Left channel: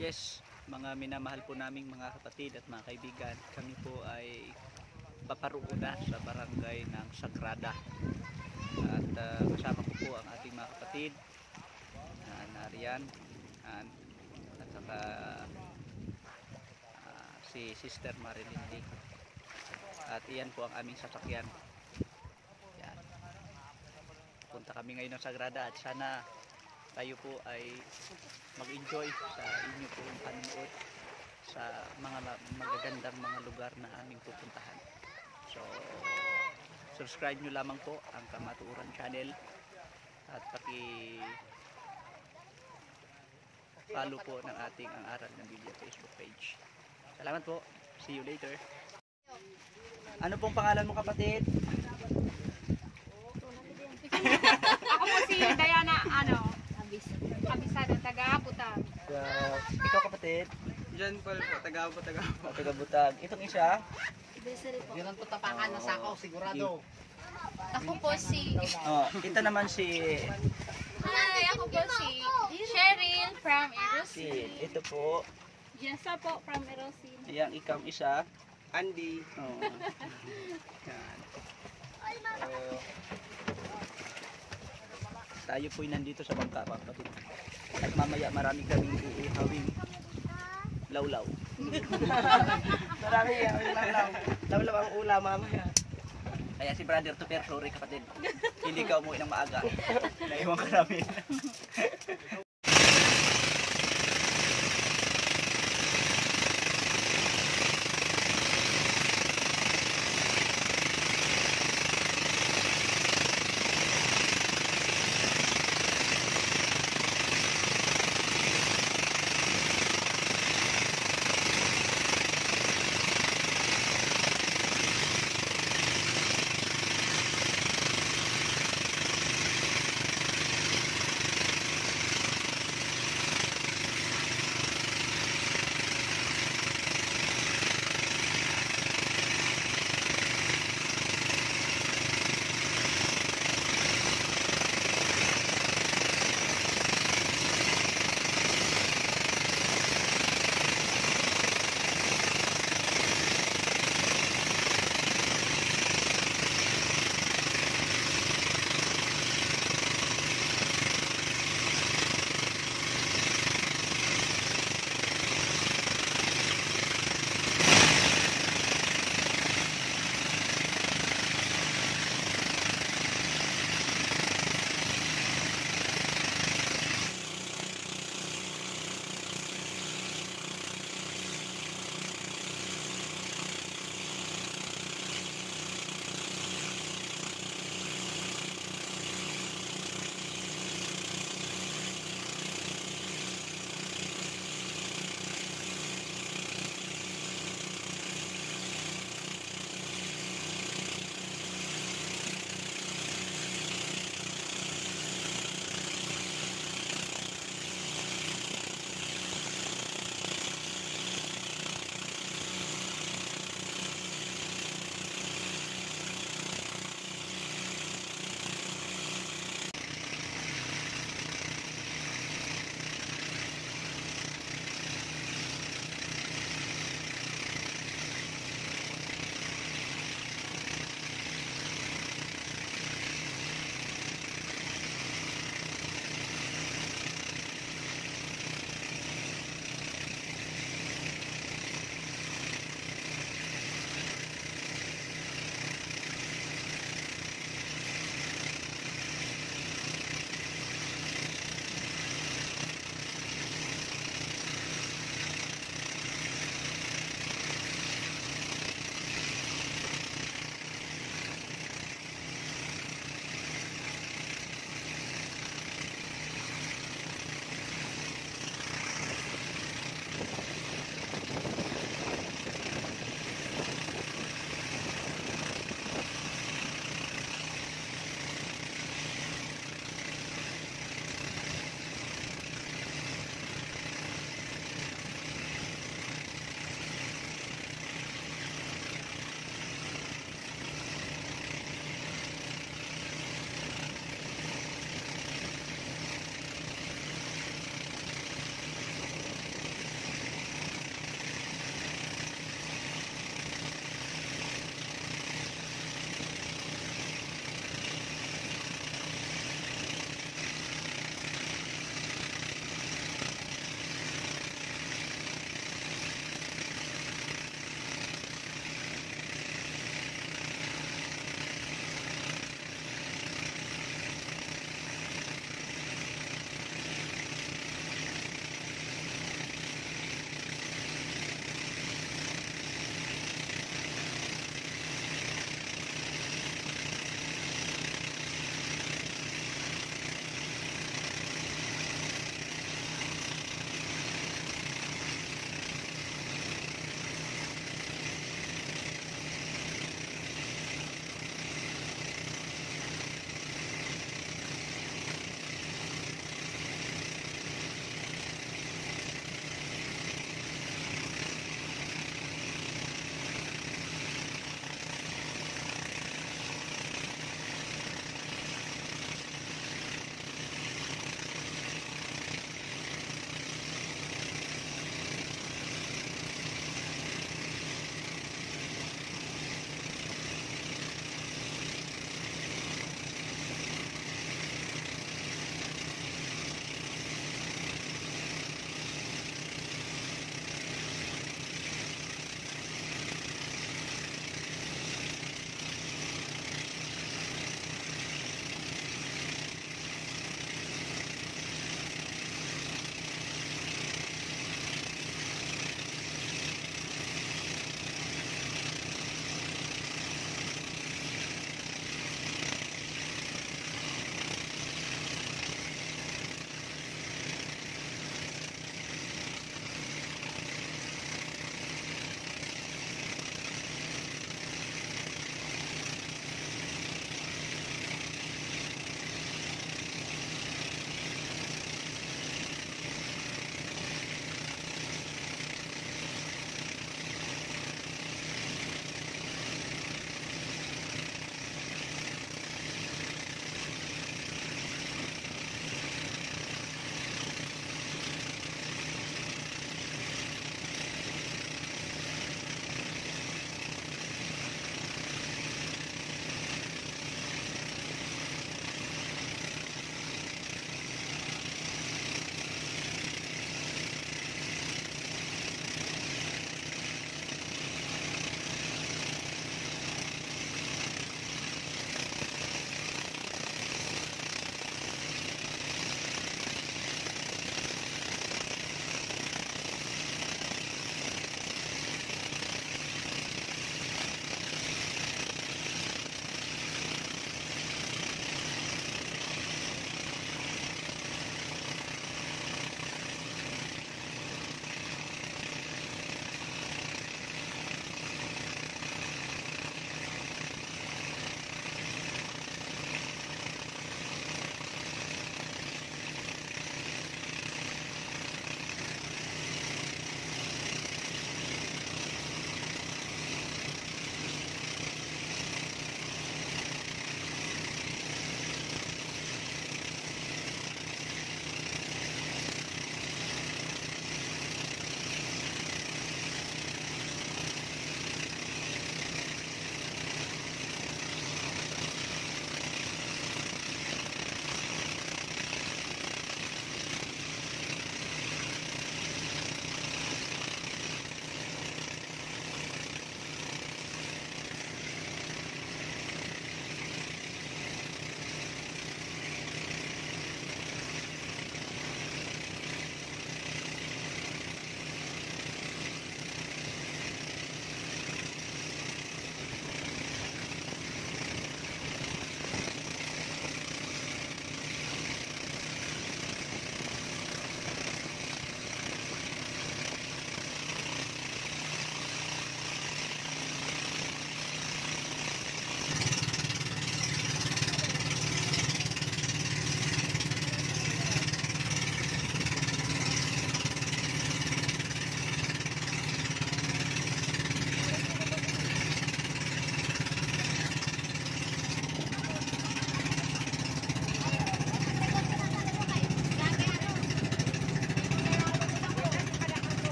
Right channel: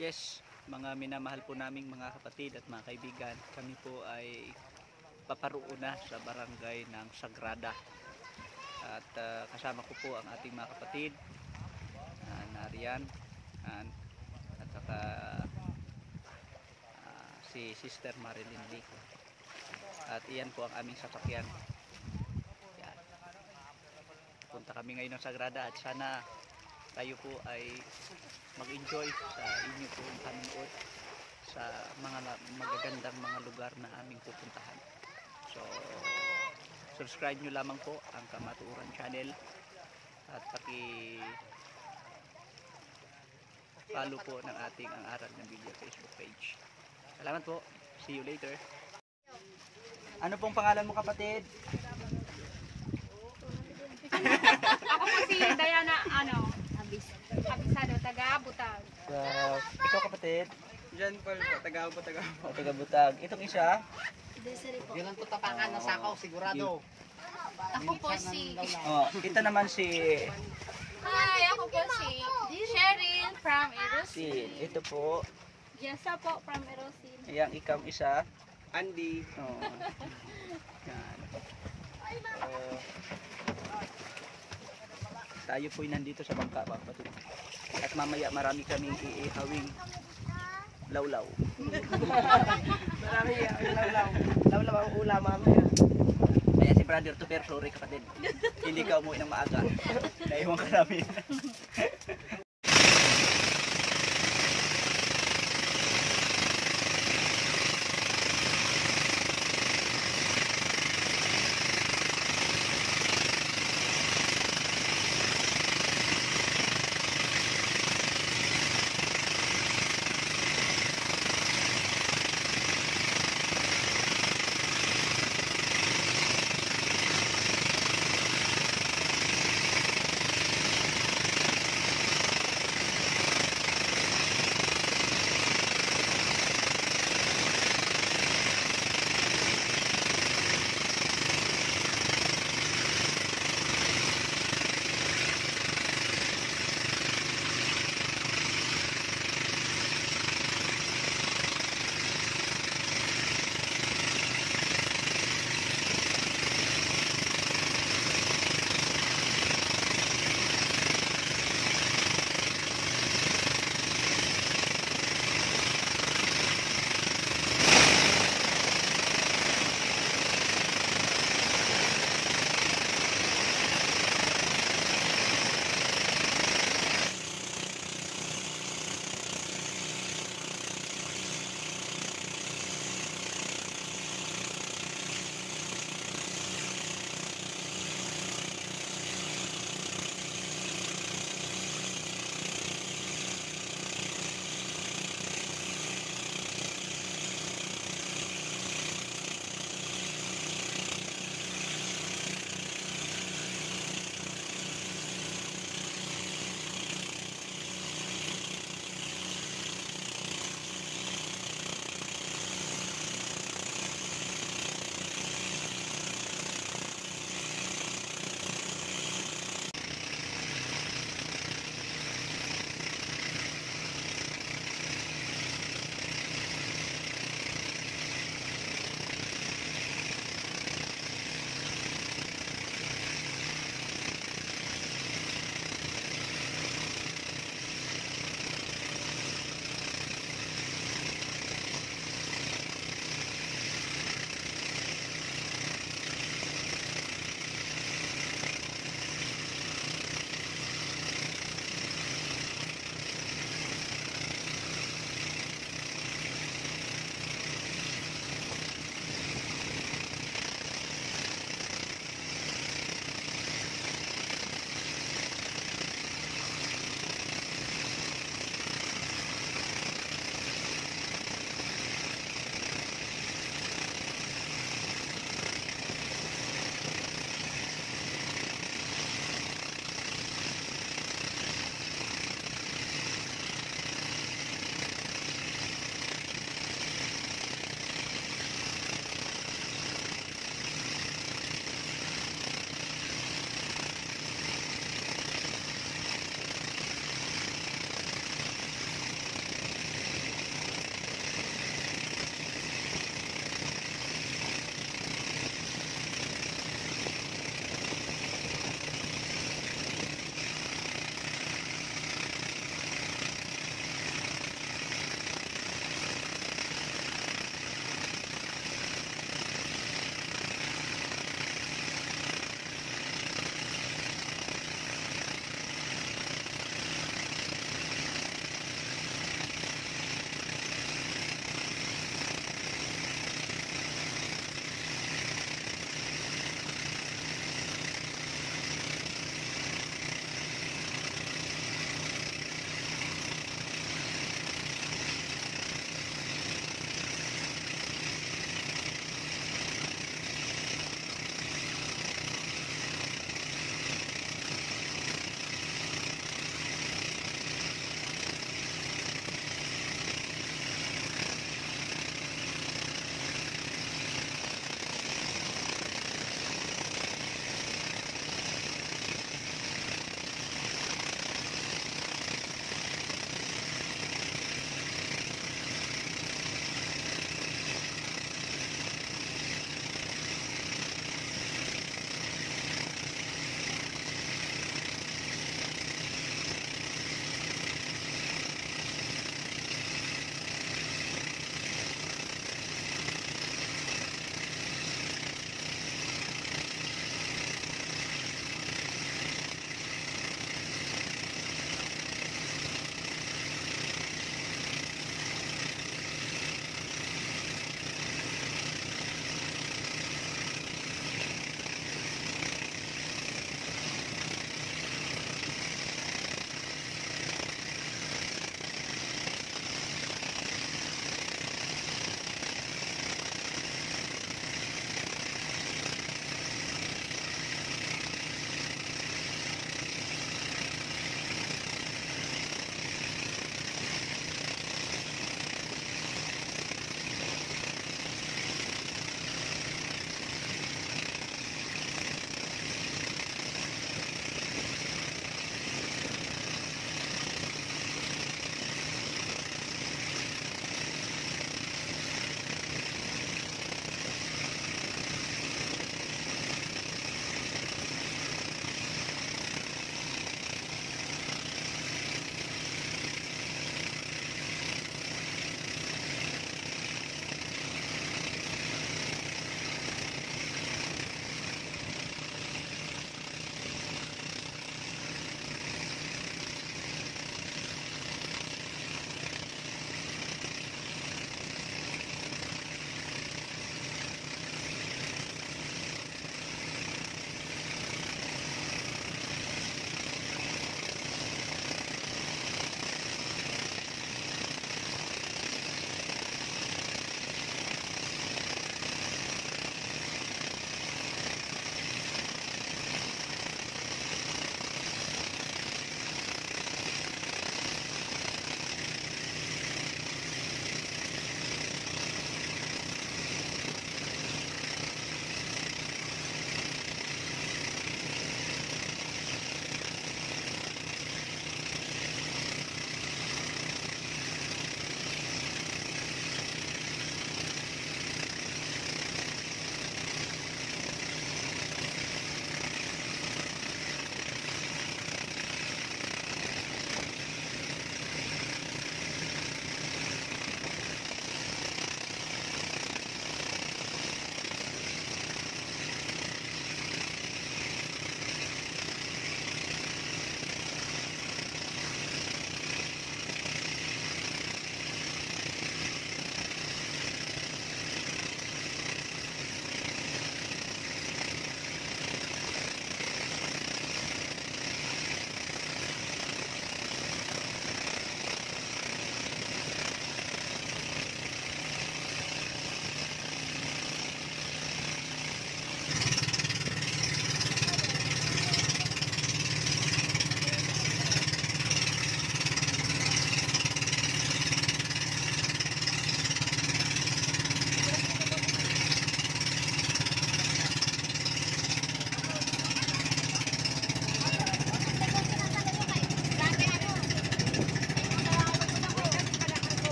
Yes, mga minamahal po naming mga kapatid at mga kaibigan, kami po ay paparoon sa barangay ng Sagrada. At kasama ko po ang ating mga kapatid, Narian, at saka si Sister Marilyn Lee. At iyan po ang aming sasakyan. Yan. Punta kami ngayon ng Sagrada at sana tayo po ay mag-enjoy sa inyo pong panonood sa mga magagandang mga lugar na aming pupuntahan. So, subscribe nyo lamang po ang Kamatuuran Channel at follow po ng ating Ang Aral ng Biblia Facebook page. Salamat po. See you later. Ano pong pangalan mo, kapatid? Ako po si Diana, Abisado, taga-Butag. Ikaw, kapatid? John Paul po, taga-Butag. Taga-Butag. Itong isa? Desiree po. Yun ang tutapangan na sakaw, sigurado. Ako po si... Ito naman si... Hi, ako po si Cheryl from Erosin. Ito po. Jessa po from Erosin. Ayan, ikaw isa. Andy. Yan. Tayo po'y nandito sa bangka, mga kapatid. At mamaya marami kaming iihawing lawlaw. Marami yan, lawlaw ang ulam mamaya. Kaya si Brother Tuper, sorry kapatid. Hindi ka umuwi ng maaga. Naiwan ka namin.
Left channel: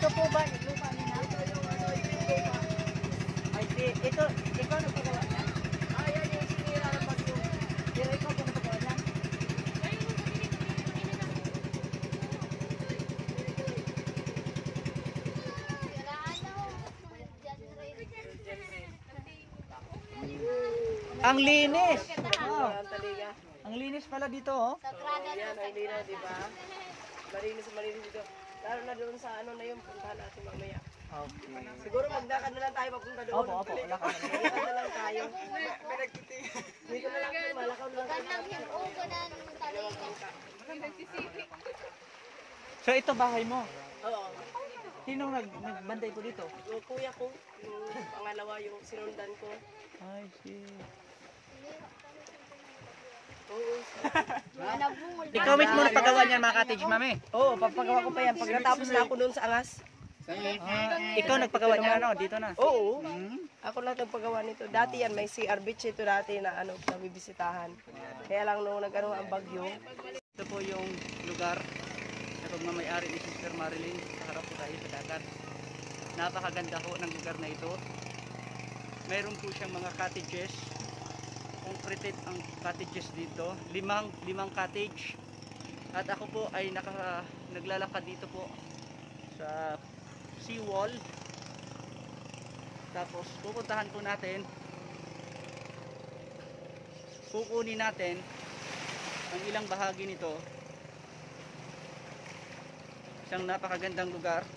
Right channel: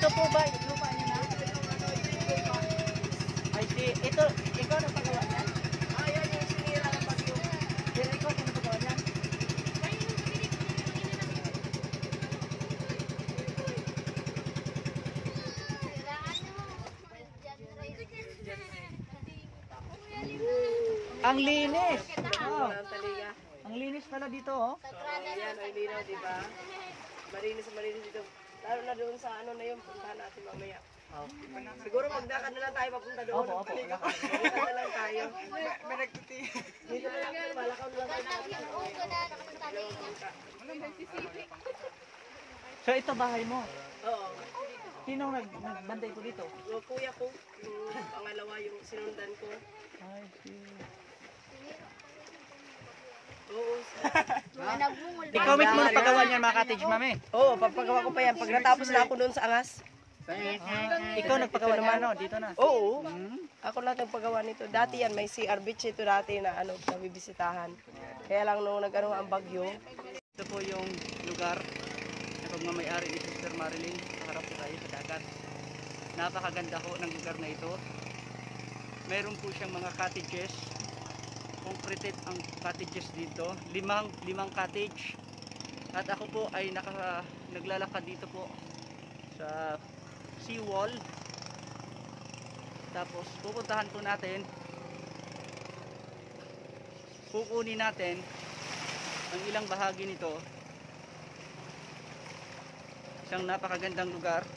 Ito po ba yung lupa nila? Ay, ito nagpagawa niya? Ayan yung sinira ng bagyo. Pero ikaw kung nagpagawa niya? Ang linis! Wow. Ang paliga. Ang linis pala dito, oh. Ayan, ang linaw, di ba? Malinis dito. Lalo na doon sa ano na yung puntahan natin mamaya. Siguro magdakad na lang tayo papunta doon. Opo, opo. Magdakad na lang tayo. Dito na lang tayo, malakaw na lang tayo. So ito bahay mo. Oo. Sino nagbantay ko dito? Yung kuya ko, yung pangalawa, yung sinundan ko. I see. Oo. Ikaw mismo nagpagawa niyan mga cottage, mami. Oo, pagpagawa ko pa yan. Pagkatapos na ako doon sa angas. Ikaw nagpagawa niya ano, dito na. Oo. Ako lahat ng paggawa nito. Dati yan, may CR beach ito dati na ano, na bibisitahan. Kaya lang nung nag-ano ang bagyo. Ito po yung lugar na pagmamayari ni Sister Marilyn. Paharap po tayo sa dagat. Napakaganda ho ng lugar na ito. Meron po siyang mga cottages. Concreted ang cottages dito. Limang cottage. At ako po ay naglalakad dito po sa seawall. Tapos pupuntahan po natin, kukunin natin ang ilang bahagi nito. Isang napakagandang lugar,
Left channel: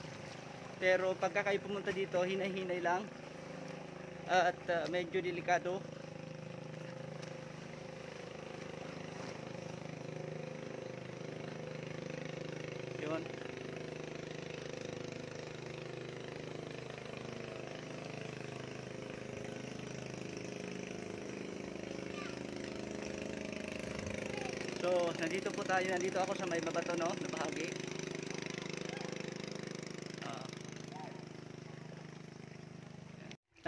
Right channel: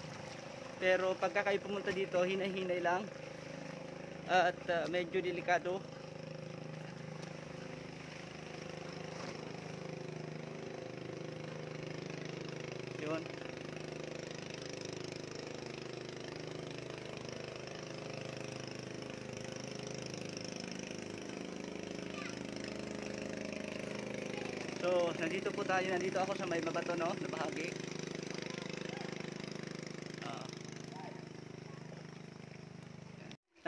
pero pagka kayo pumunta dito, hinay-hinay lang at medyo delikado. Yun. So, nandito po tayo. Nandito ako sa may mabato, no? Na bahagi.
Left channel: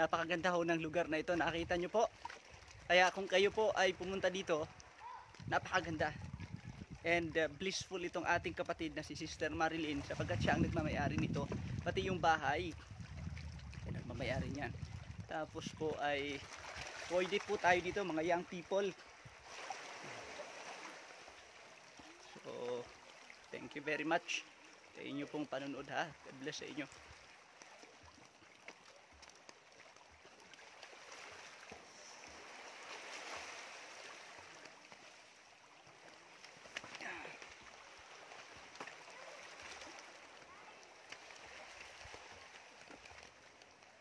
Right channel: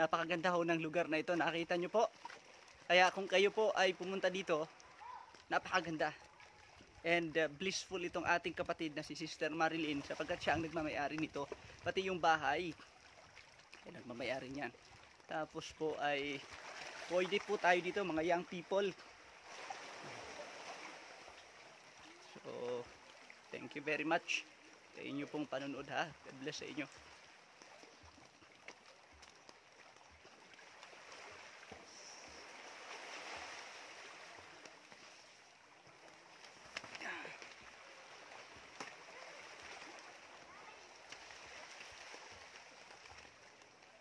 Napakaganda ho ng lugar na ito. Nakita nyo po. Kaya kung kayo po ay pumunta dito, napakaganda. And blissful itong ating kapatid na si Sister Marilyn sapagkat siya ang nagmamayari nito. Pati yung bahay. Yan, nagmamayari niyan. Tapos po ay pwede po tayo dito, mga young people. So, thank you very much sa inyo pong panonood, ha. God bless sa inyo.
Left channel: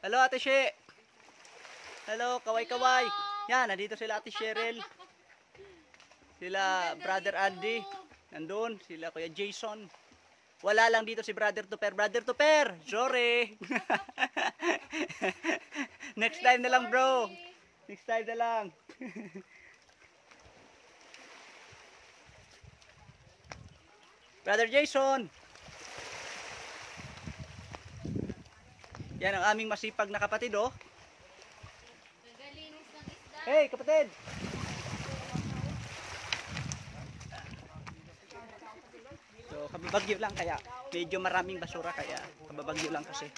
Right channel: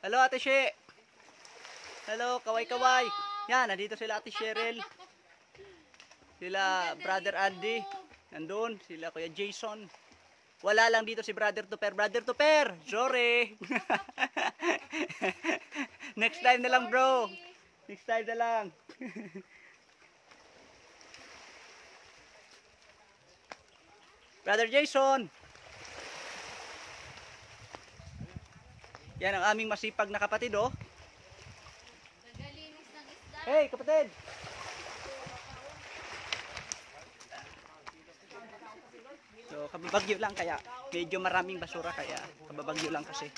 Hello Ate She. Hello, kaway-kaway. Yan, nandito sila Ate Cheryl. Sila Brother Andy. Nandun, sila Kuya Jason. Wala lang dito si Brother Tuper. Brother Tuper, sorry. Next time na lang, bro. Next time na lang. Brother Jason. Yan ang aming masipag na kapatid, oh. Hey, kapatid. So, kababagyo lang kaya medyo maraming basura kaya kababagyo lang kasi.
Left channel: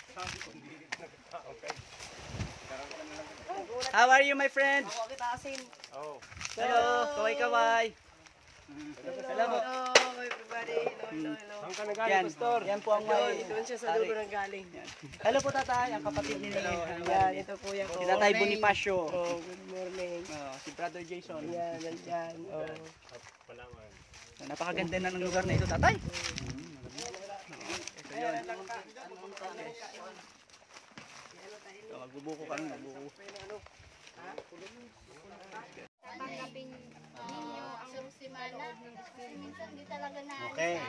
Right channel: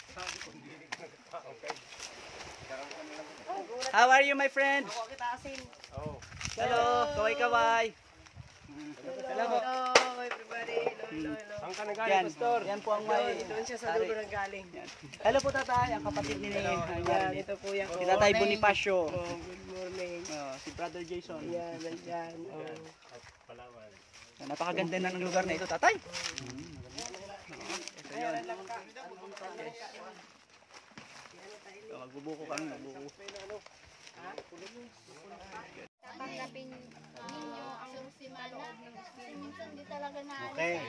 How are you, my friend? Hello, kaway-kaway. Salamat. Hello everybody. Hello. Yan po ang may... Doon siya sa dulo ng galing. Hello po tatay, ang kapatid ni Yan, ito kuya ko. Si Tatay Bonifacio. Oh, good morning. Si Brother Jason. Yan, yan. Oh. Napakaganda na ng lugar na ito, tatay. Ito yun. Yes. So, magbubuko kami, magbubuko. Tanggapin ninyo ang loob ng Espiritu. Minsan di talaga na Okay.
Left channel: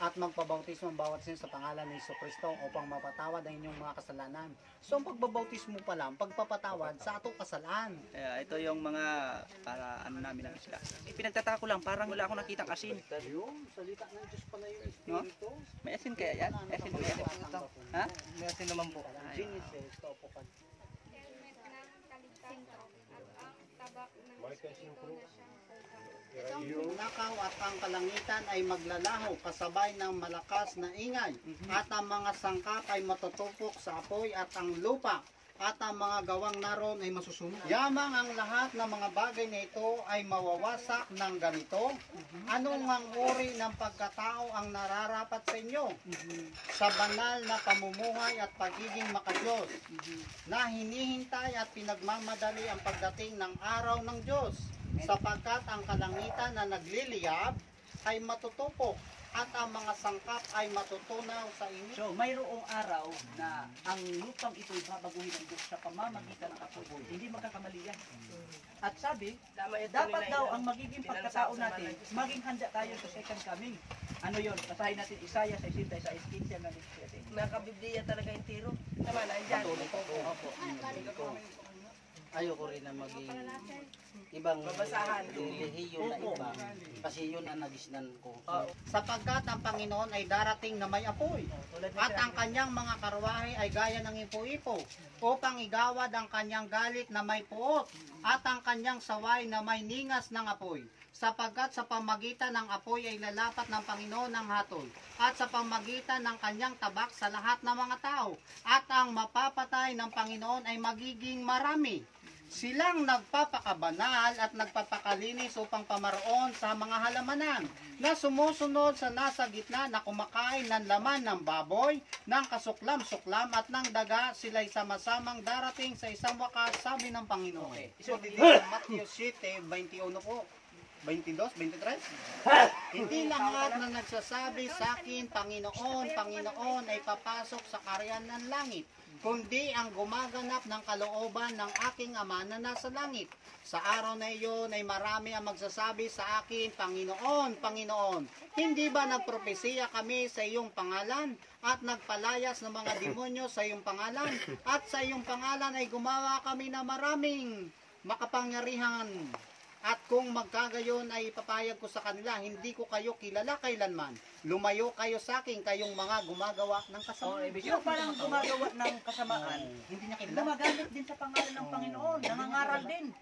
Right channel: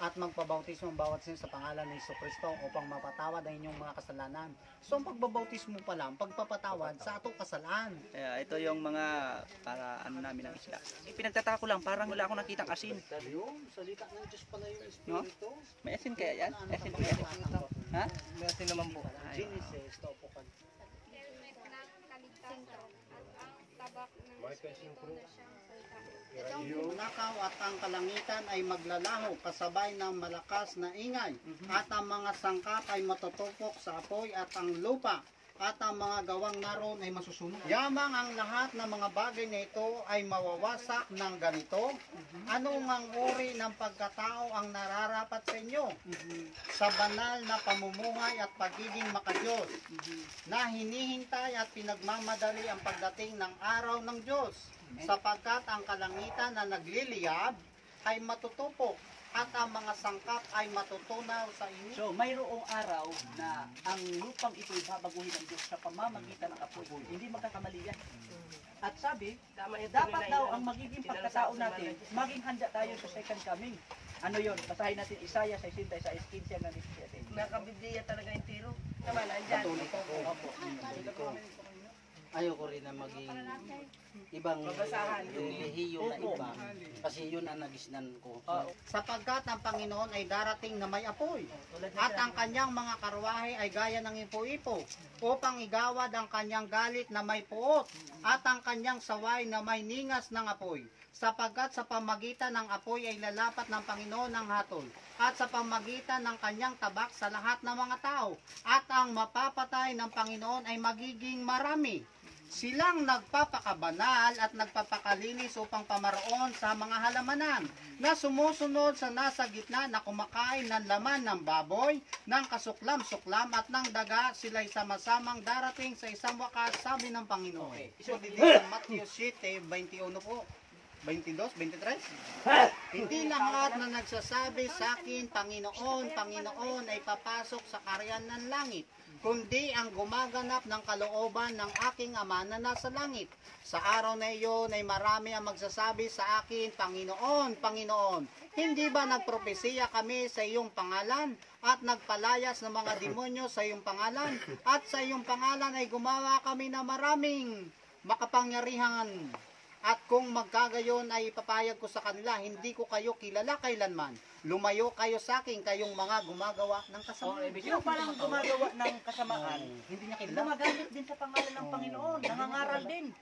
At magpabautismo ang bawat sin sa pangalan ng Jesucristo upang mapatawad ang inyong mga kasalanan. So ang pagbabautismo pa lang, pagpapatawad sa atong kasalaan. Kaya ito yung mga para ano namin ng isda. Pinagtatako lang, parang wala akong nakitang asin. No? May asin kaya yan? May asin kaya? Ha? May asin naman po. Genesis to Nakaw at ang kalangitan ay maglalaho kasabay ng malakas na ingay at ang mga sangkap ay matutupok sa apoy at ang lupa at ang mga gawang naroon ay masusunog. Yamang ang lahat ng mga bagay na ito ay mawawasak ng ganito. Ano ngang uri ng pagkatao ang nararapat sa inyo? Sa banal na pamumuhay at pagiging makadiyos na hinihintay at pinagmamadali ang pagdating ng araw ng Diyos, sapagkat ang kalangitan na nagliliyab ay matutupok at ang mga sangkap ay matutunaw sa inyo. So, mayroong araw na ang lupang ito'y babaguhin ng Diyos sa pamamagitan ng apoy. Hindi magkakamali yan. At sabi, dapat daw ang magiging pagkatao natin, maging handa tayo sa second coming. Ano yun? Basahin natin Isaiah 66:15 na 17. Nakabibdiya talaga yung tiro. Tama na, andyan. Opo. Ayoko rin na maging ibang Babasahan. relihiyo na iba. Kasi yun ang nagisnan ko. Sapagkat ang Panginoon ay darating na may apoy, at ang kanyang mga karwahe ay gaya ng ipo-ipo, upang igawad ang kanyang galit na may puot, at ang kanyang saway na may ningas ng apoy. Sapagkat sa pamagitan ng apoy ay lalapat ng Panginoon ang hatol, at sa pamagitan ng kanyang tabak sa lahat ng mga tao, at ang mapapatay ng Panginoon ay magiging marami. Silang nagpapakabanal at nagpapakalinis upang pamaroon sa mga halamanan na sumusunod sa nasa gitna na kumakain ng laman ng baboy, ng kasuklam-suklam at ng daga. Sila'y sama-samang darating sa isang wakas, sabi ng Panginoon. So, dito sa Matthew 7:21 po. 22, 23. Hindi lahat na nagsasabi sa akin, Panginoon, Panginoon, ay papasok sa karyan ng langit, kundi ang gumaganap ng kalooban ng aking Ama na nasa langit. Sa araw na iyon ay marami ang magsasabi sa akin, Panginoon, Panginoon, hindi ba nagpropesiya kami sa iyong pangalan at nagpalayas ng mga demonyo sa iyong pangalan, at sa iyong pangalan ay gumawa kami na maraming makapangyarihan? At kung magkagayon ay ipapayag ko sa kanila, hindi ko kayo kilala kailanman. Lumayo kayo sa akin, kayong mga gumagawa ng kasamaan. Yung palang gumagawa ng kasamaan, Hindi niya kilala. gumagamit din sa pangalan ng Panginoon, nangangaral din.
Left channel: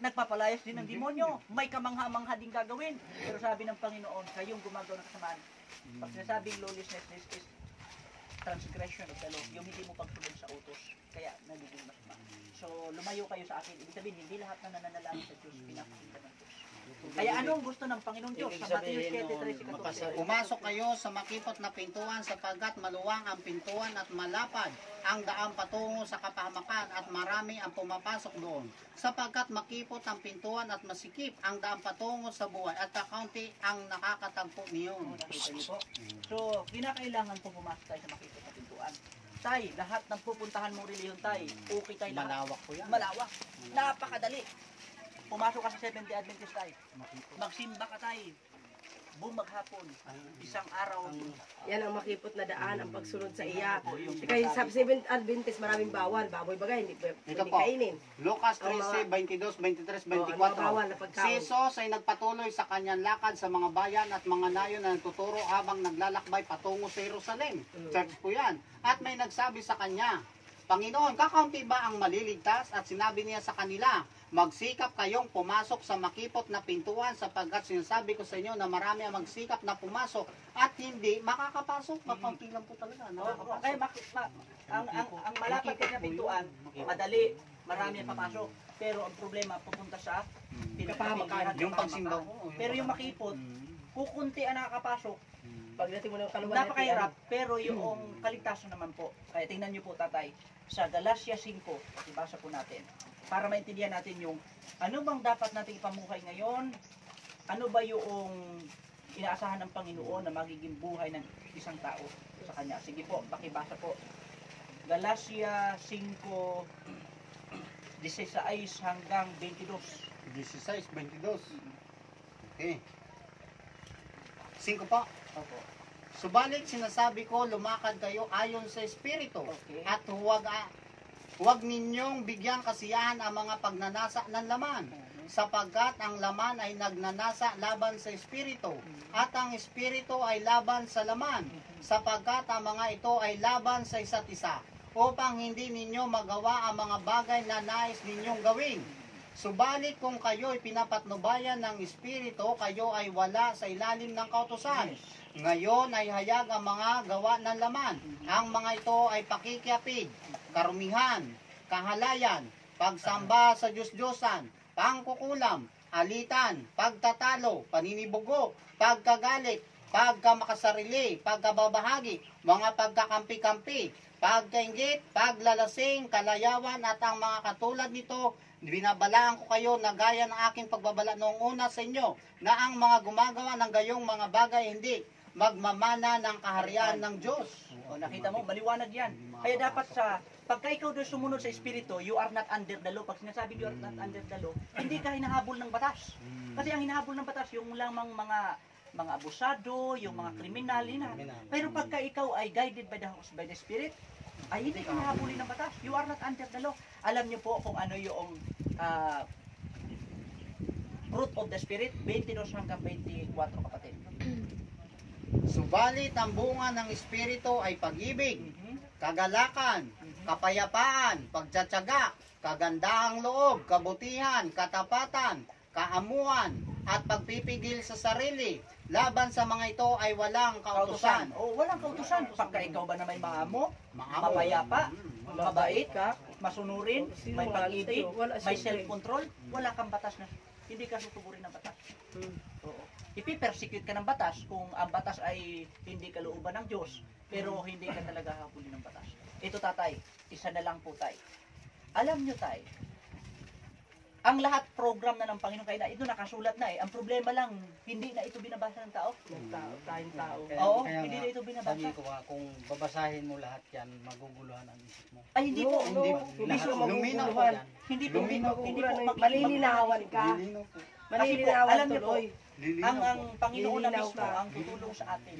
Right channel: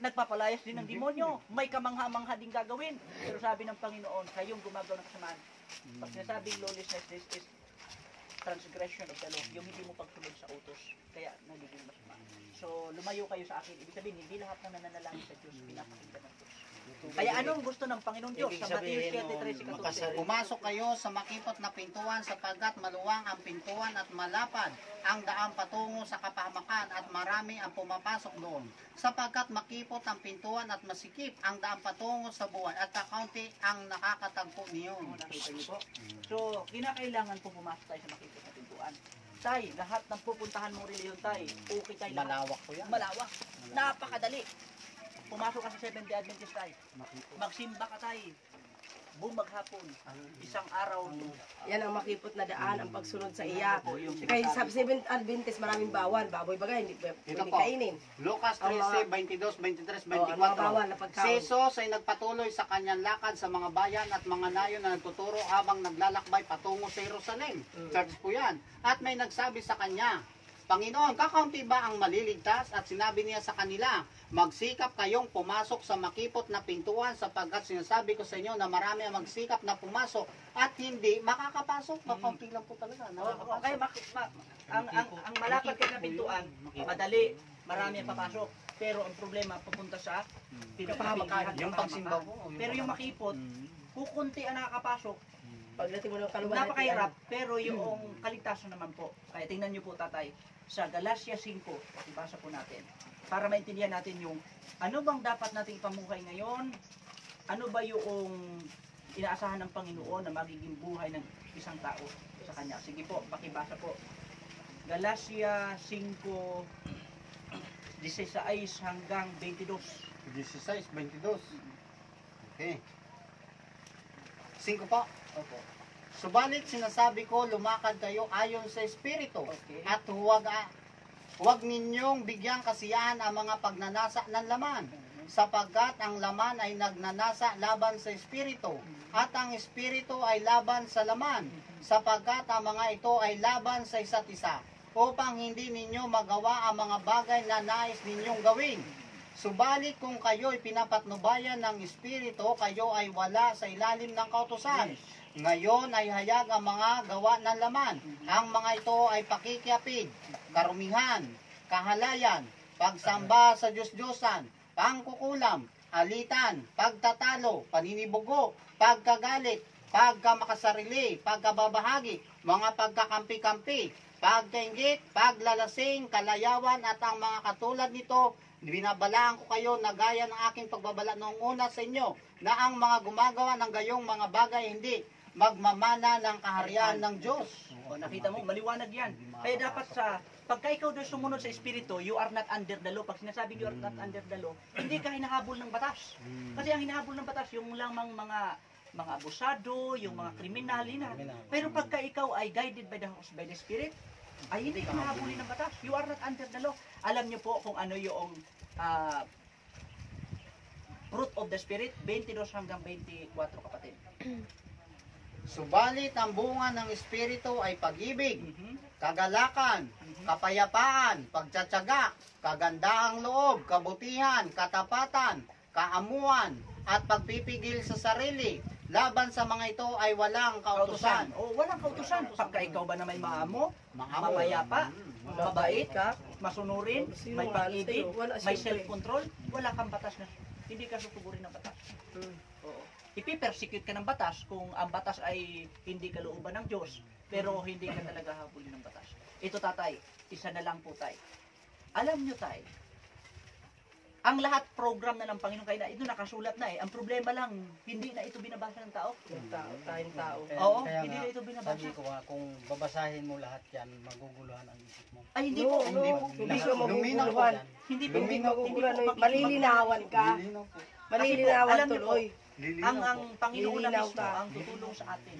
Nagpapalayas din ng demonyo, may kamangha-mangha din gagawin. Pero sabi ng Panginoon, kayong gumagawa ng kasamaan. Pag sinasabing lawlessness, this is transgression of the law, yung hindi mo pagsunod sa utos, kaya nagiging masama. So, lumayo kayo sa akin. Ibig sabihin, hindi lahat na nananalangin sa Diyos, pinapakinggan ng Diyos. Kaya anong gusto ng Panginoon Diyos? Sa Matthew 7:13-14. Pumasok kayo sa makipot na pintuan sapagkat maluwang ang pintuan at malapad ang daan patungo sa kapahamakan at marami ang pumapasok doon. Sapagkat makipot ang pintuan at masikip ang daan patungo sa buhay at kakaunti ang nakakatagpo niyon. Nakita niyo po? So, kinakailangan po pumasok tayo sa makipot na pintuan. Tay, lahat ng pupuntahan mong reliyon, tay, okay tayo lahat. Malawak po yan. Malawak. Napakadali. Pumasok ka sa Seventh-day Adventist tayo. Magsimba ka tayo. Buong maghapon. Isang araw. Yan ang makipot na daan, ang pagsunod sa iya. Kaya sa Seventh Adventist, maraming bawal. Baboy bagay, hindi Ito hindi po. kainin. Lucas Ang 13, 22, 23, ang mga bawal 24. na pagkain. Si Jesus ay nagpatuloy sa kanyang lakad sa mga bayan at mga nayon na nagtuturo habang naglalakbay patungo sa Jerusalem. Church po yan. At may nagsabi sa kanya, Panginoon, kakaunti ba ang maliligtas? At sinabi niya sa kanila, magsikap kayong pumasok sa makipot na pintuan sapagkat sinasabi ko sa inyo na marami ang magsikap na pumasok at hindi makakapasok. Kakaunti lang po talaga. Okay, ang malapad kayo na pintuan, madali, marami ang papasok. Pero ang problema, pupunta sa Kapahamakan. Yung pagsimba ko. Pero yung makipot, kukunti ang nakakapasok. Pagdating mo ng kaluwan, Napakahirap, pero yung kaligtasan naman po. Kaya tingnan niyo po, tatay, sa Galatia 5, pakibasa po natin, para maintindihan natin yung ano bang dapat nating ipamuhay ngayon, ano ba yung inaasahan ng Panginoon na magiging buhay ng isang tao sa Kanya. Sige po, pakibasa po. Galatia 5, 16 hanggang 22. 16, 22. Okay. 5 po. Opo. Subalit sinasabi ko, lumakad kayo ayon sa Espiritu. Okay. At huwag ninyong bigyang kasiyahan ang mga pagnanasa ng laman. Sapagkat ang laman ay nagnanasa laban sa Espiritu. At ang Espiritu ay laban sa laman. Sapagkat ang mga ito ay laban sa isa't isa. Upang hindi ninyo magawa ang mga bagay na nais ninyong gawin. Subalit kung kayo'y pinapatnubayan ng Espiritu, kayo ay wala sa ilalim ng kautusan. Ngayon ay hayag ang mga gawa ng laman. Ang mga ito ay pakikiapid, karumihan, kahalayan, pagsamba sa Diyos-Diyosan, pangkukulam, alitan, pagtatalo, paninibugo, pagkagalit, pagkamakasarili, pagkababahagi, mga pagkakampi-kampi, pagkaingit, paglalasing, kalayawan at ang mga katulad nito. Binabalaan ko kayo na gaya ng aking pagbabala noong una sa inyo, na ang mga gumagawa ng gayong mga bagay hindi magmamana ng kaharian ng Diyos. O, nakita mo, maliwanag yan. Kaya dapat pagka ikaw doon sumunod sa Espiritu, you are not under the law. Pag sinasabi you are not under the law, hindi ka hinahabol ng batas. Kasi ang hinahabol ng batas, yung lamang mga abusado, yung mga kriminal, pero pagka ikaw ay guided by the Spirit, ay hindi ka nahabulin ng batas. You are not under the law. Alam niyo po kung ano yung fruit of the Spirit, 22 hanggang 24, kapatid. Subalit ang bunga ng Espiritu ay pag-ibig, kagalakan, kapayapaan, pagtsatsaga, kagandahang loob, kabutihan, katapatan, kaamuan, at pagpipigil sa sarili. Laban sa mga ito ay walang kautusan. O, walang kautusan. Pagka ikaw ba na may maamo, mapayapa, mabait ka, masunurin, may pag-ibig, may self-control, wala kang batas na. Hindi ka susugurin ng batas. Oo. Ipipersecute ka ng batas kung ang batas ay hindi kalooban ng Diyos, pero hindi ka talaga habulin ng batas. Ito, tatay, isa na lang po, tay. Alam nyo, tay, ang lahat program na ng Panginoon, kaya na ito nakasulat na eh. Ang problema lang, hindi na ito binabasa ng tao. Tayong tao. Oo, Kaya hindi nga, na ito binabasa. Sabi ko nga, kung babasahin mo lahat yan, maguguluhan ang isip mo. Ay, hindi po. Hindi Lahat- siya Luminaw po maguguluhan. yan. Hindi po. Hindi po. Malilinawan ka. Lilinaw po. Malilinawan alam niyo po, tuloy. Lilinaw ang po. Panginoon na Lilinaw mismo ka. ang tutulong sa atin.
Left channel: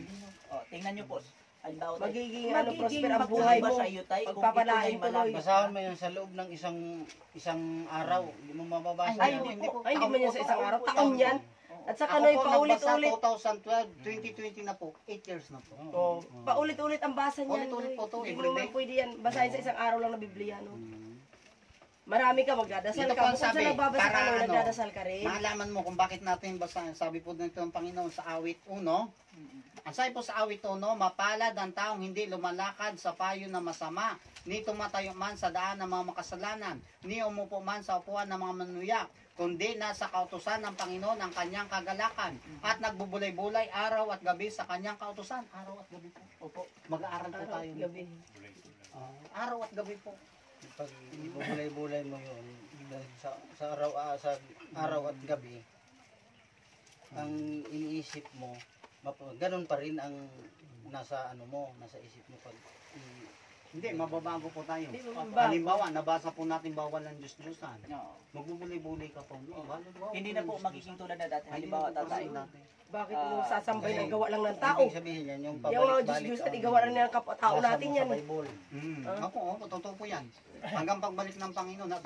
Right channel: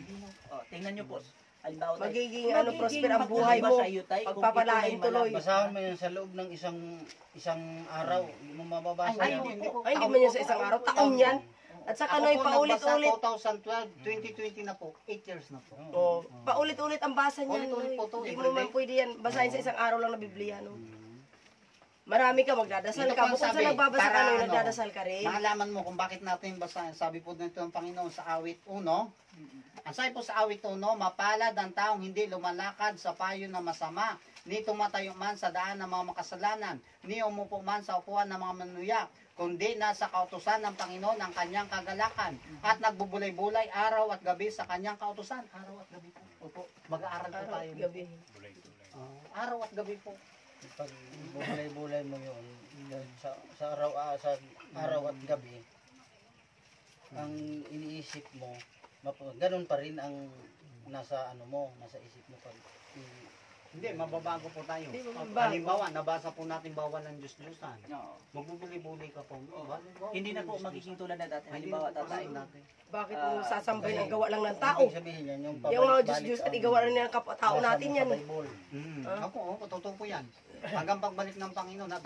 Oh, tingnan niyo po. Halimbawa, Magiging prosper ang magbuhay buhay ba mo. sa iyo, tay? Kung ito Pagpapalain ay tuloy. malabas. Basahan mo yan sa loob ng isang araw. Hindi mo mababasa Ay, yan. hindi po. Ay, hindi man yan sa isang araw. Taon yan. At saka Ako na po nagbasa paulit-ulit. 2012, 2020 na po, 8 years na po. Oh, paulit-ulit ang basa niyan. Ulit-ulit po to, Hindi mo everyday. naman pwede yan. Basahin sa isang araw lang na Biblia. No? Marami ka magdadasal Ito ka. po ang Bukod sa sabi, nagbabasa para ka, ano, nagdadasal ka rin. Maalaman mo kung bakit natin basahin. Sabi po nito ng Panginoon sa awit 1. Ang sabi po sa awit 1, mapalad ang taong hindi lumalakad sa payo na masama, ni tumatayo man sa daan ng mga makasalanan, ni umupo man sa upuan ng mga manuyak, kundi nasa kautusan ng Panginoon ang kanyang kagalakan, at nagbubulay-bulay araw at gabi sa kanyang kautusan. Araw at gabi po. Opo, mag-aaral po tayo. Gabi. Araw at gabi po. Pag bubulay-bulay mo yun, sa araw at gabi, ang iniisip mo, ganun pa rin ang nasa isip mo pag Hindi, mababago po tayo. Hindi, mababago. Halimbawa, nabasa po natin bawal ng Diyos-Diyosan. No. Magbubuli-buli ka po. Hindi na po magiging tulad na dati. Halimbawa, tatay. Bakit mo sasambay ang gawa lang ng tao? ibig sabihin yan, yung Yung mga pabalik-balik Diyos at igawa rin ng kapatao natin yan. Sa Bible. Ako, totoo po yan. Hanggang pagbalik ng Panginoon, at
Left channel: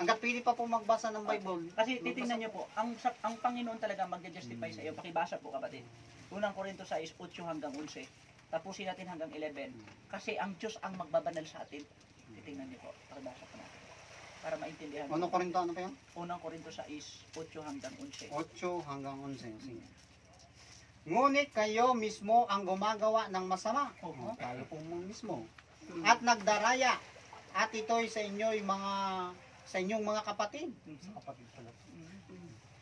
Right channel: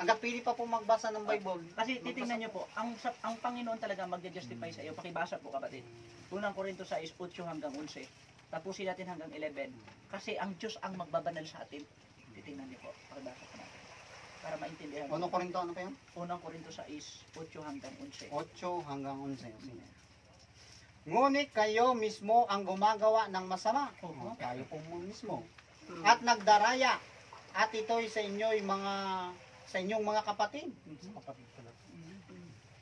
hanggat pili pa po magbasa ng Bible. Kasi titingnan niyo po, ang Panginoon talaga magja-justify sa iyo. Pakibasa po, kapatid. Unang Korinto 6, 8 hanggang 11. Tapusin natin hanggang 11. Kasi ang Diyos ang magbabanal sa atin. Titingnan niyo po. Pakibasa po natin. Para maintindihan. Unang Korinto, ano pa yan? Unang Korinto 6, 8 hanggang 11. 8 hanggang 11. Sige. Ngunit kayo mismo ang gumagawa ng masama. Kayo po mo mismo. At nagdaraya. At ito'y sa inyong mga kapatid.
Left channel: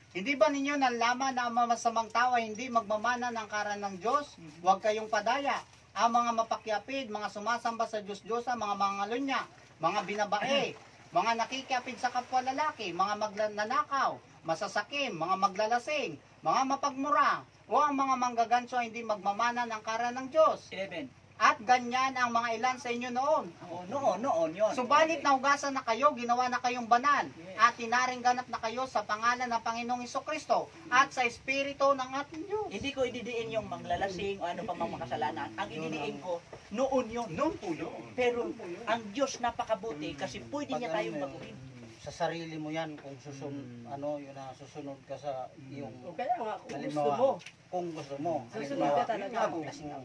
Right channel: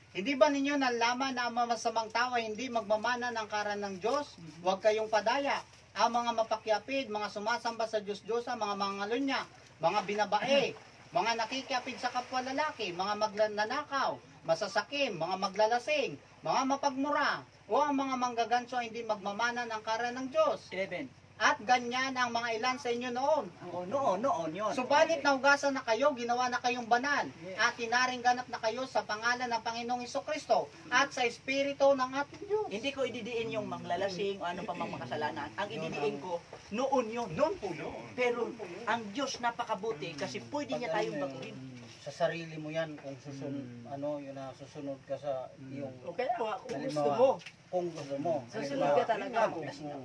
Hindi ba ninyo nalaman na ang masamang tao ay hindi magmamana ng karan ng Diyos? Huwag kayong padaya. Ang mga mapakyapid, mga sumasamba sa Diyos-Diyosa, mga mangalunya, mga binabae, mga nakikiapid sa kapwa lalaki, mga magnanakaw, masasakim, mga maglalasing, mga mapagmura, o ang mga manggaganso ay hindi magmamana ng karan ng Diyos. 11. At ganyan ang mga ilan sa inyo noon. Oo, noon yun. Subalit nahugasan na kayo, ginawa na kayong banal, at tinaring ganap na kayo sa pangalan ng Panginoong Hesukristo at sa Espiritu ng ating Diyos. Hindi ko ididiin yung manglalasing o ano pa mang makasalanan. Ang ididiin ko, noon yun. Noon po yun. Pero ang Diyos napakabuti kasi pwede niya tayong baguhin. Sa sarili mo yan, kung susunod ka sa iyong O kaya nga, kung gusto halimbawa, mo. kung gusto mo. Susunod ka talaga.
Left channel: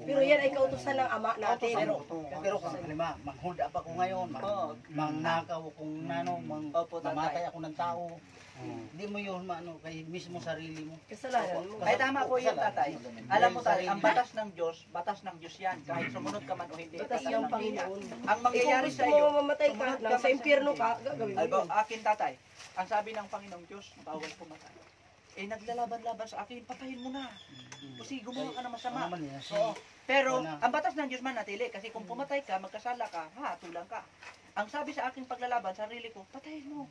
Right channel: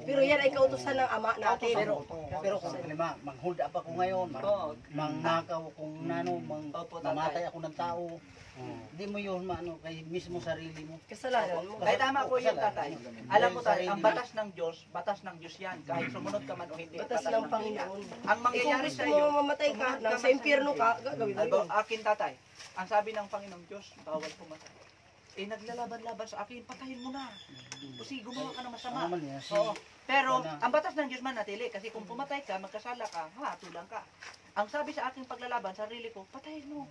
Pero yan ay kautusan ng ama natin. Pero kung halimbawa, manghuda pa ko ngayon, mangnakaw kung nano, mamatay ako ng tao, hindi mo yun maano kay mismo sarili mo. Kasalanan mo. Ay tama po yung tatay. Alam mo tayo, ang batas ng Diyos yan. Kahit sumunod ka man o hindi. Batas yung Panginoon. Ang mangyayari Kung sa gusto iyo, mo mamatay ka, nasa impyerno ka, gagawin mo yun. akin tatay, ang sabi ng Panginoong Diyos, bawal pumatay. Eh naglalaban-laban sa akin, patayin mo na. Kasi gumawa ka ng masama. Ano man yan? Oo. Pero ang batas ng Diyos manatili kasi kung pumatay ka, magkasala ka, hatulang ka. Ang sabi sa aking paglalaban, sarili ko, patayin mo.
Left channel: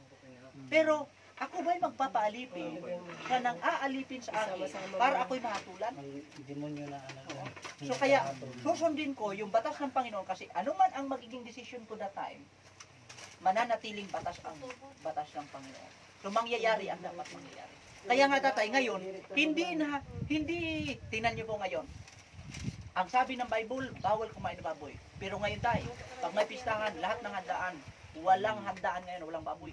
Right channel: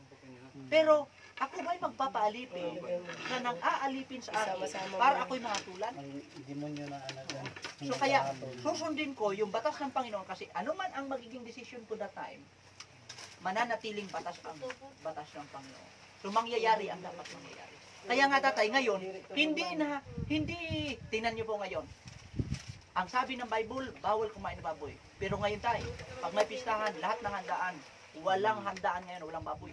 Pero ako ba'y magpapaalipin sa nang aalipin sa akin para ako'y mahatulan? Ang demonyo na ano. So kaya susundin ko yung batas ng Panginoon kasi ano man ang magiging decision ko that time, mananatiling batas ang batas ng Panginoon. So mangyayari ang dapat mangyayari. Kaya nga tatay, ngayon, hindi, tingnan niyo po ngayon, ang sabi ng Bible, bawal kumain ng baboy. Pero ngayon tayo, pag may pistahan, lahat ng handaan, walang handaan ngayon, walang baboy.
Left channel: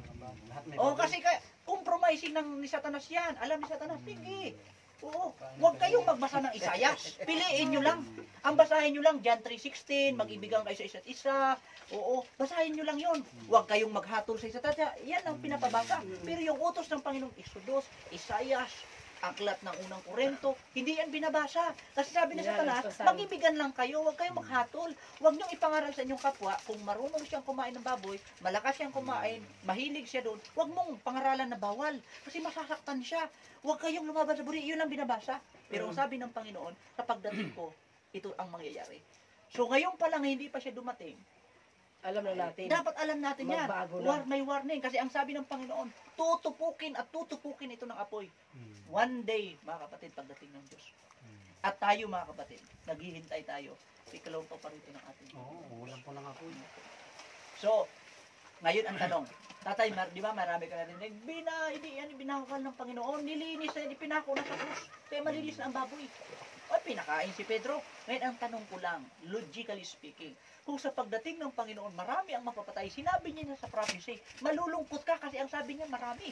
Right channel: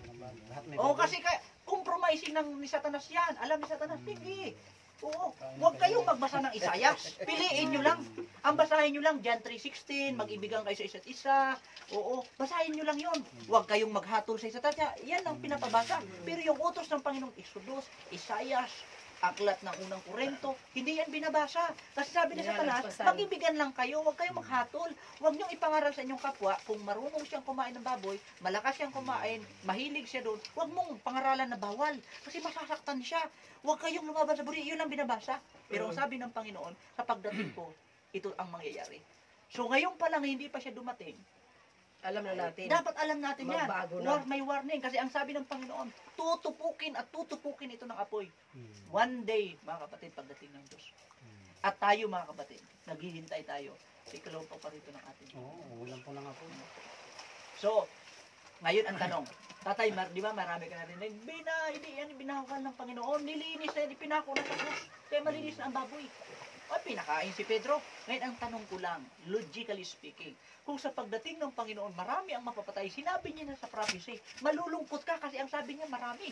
Oo, kasi compromising ni Satanas yan. Alam ni Satanas, sige. Oo, huwag kayong magbasa ng Isayas. Piliin nyo lang. Ang basahin nyo lang, John 3:16, mag-ibigan kayo sa isa't isa. Oo, basahin nyo lang yun. Huwag kayong maghatol sa isa't isa. Yan ang pinapabasa. Pero yung utos ng Panginoong Exodus, Isayas, aklat ng unang Korento, hindi yan binabasa. Kasi sabi ni Satanas, mag-ibigan lang kayo, huwag kayong maghatol. Huwag niyong ipangaral sa inyong kapwa, kung marunong siyang kumain ng baboy, malakas siyang kumain, mahilig siya doon, huwag mong pangaralan na bawal. Kasi masasaktan siya. Huwag kayong lumaban sa buri, yun lang binabasa. Pero ang sabi ng Panginoon, sa pagdating ko, ito ang mangyayari. So ngayon pa lang, hindi pa siya dumating, Alam na natin. dapat alam natin yan. Magbago na. May warning. Kasi ang sabi ng Panginoon, tutupukin at tutupukin ito ng apoy. One day, mga kapatid, pagdating ng Diyos. At tayo, mga kapatid, naghihintay tayo. Ikalaw pa rito ng ating. Ulam po lang ako. So, ngayon ang tanong. Tatay, di ba marami ka na rin. Hindi yan binakal ng Panginoon. Nilinis na, pinako na sa krus. Kaya malinis na ang baboy. O, pinakain si Pedro. Ngayon ang tanong ko lang, logically speaking, kung sa pagdating ng Panginoon, marami ang mapapatay, sinabi niya na sa prophecy, malulungkot ka kasi ang sabi niya marami.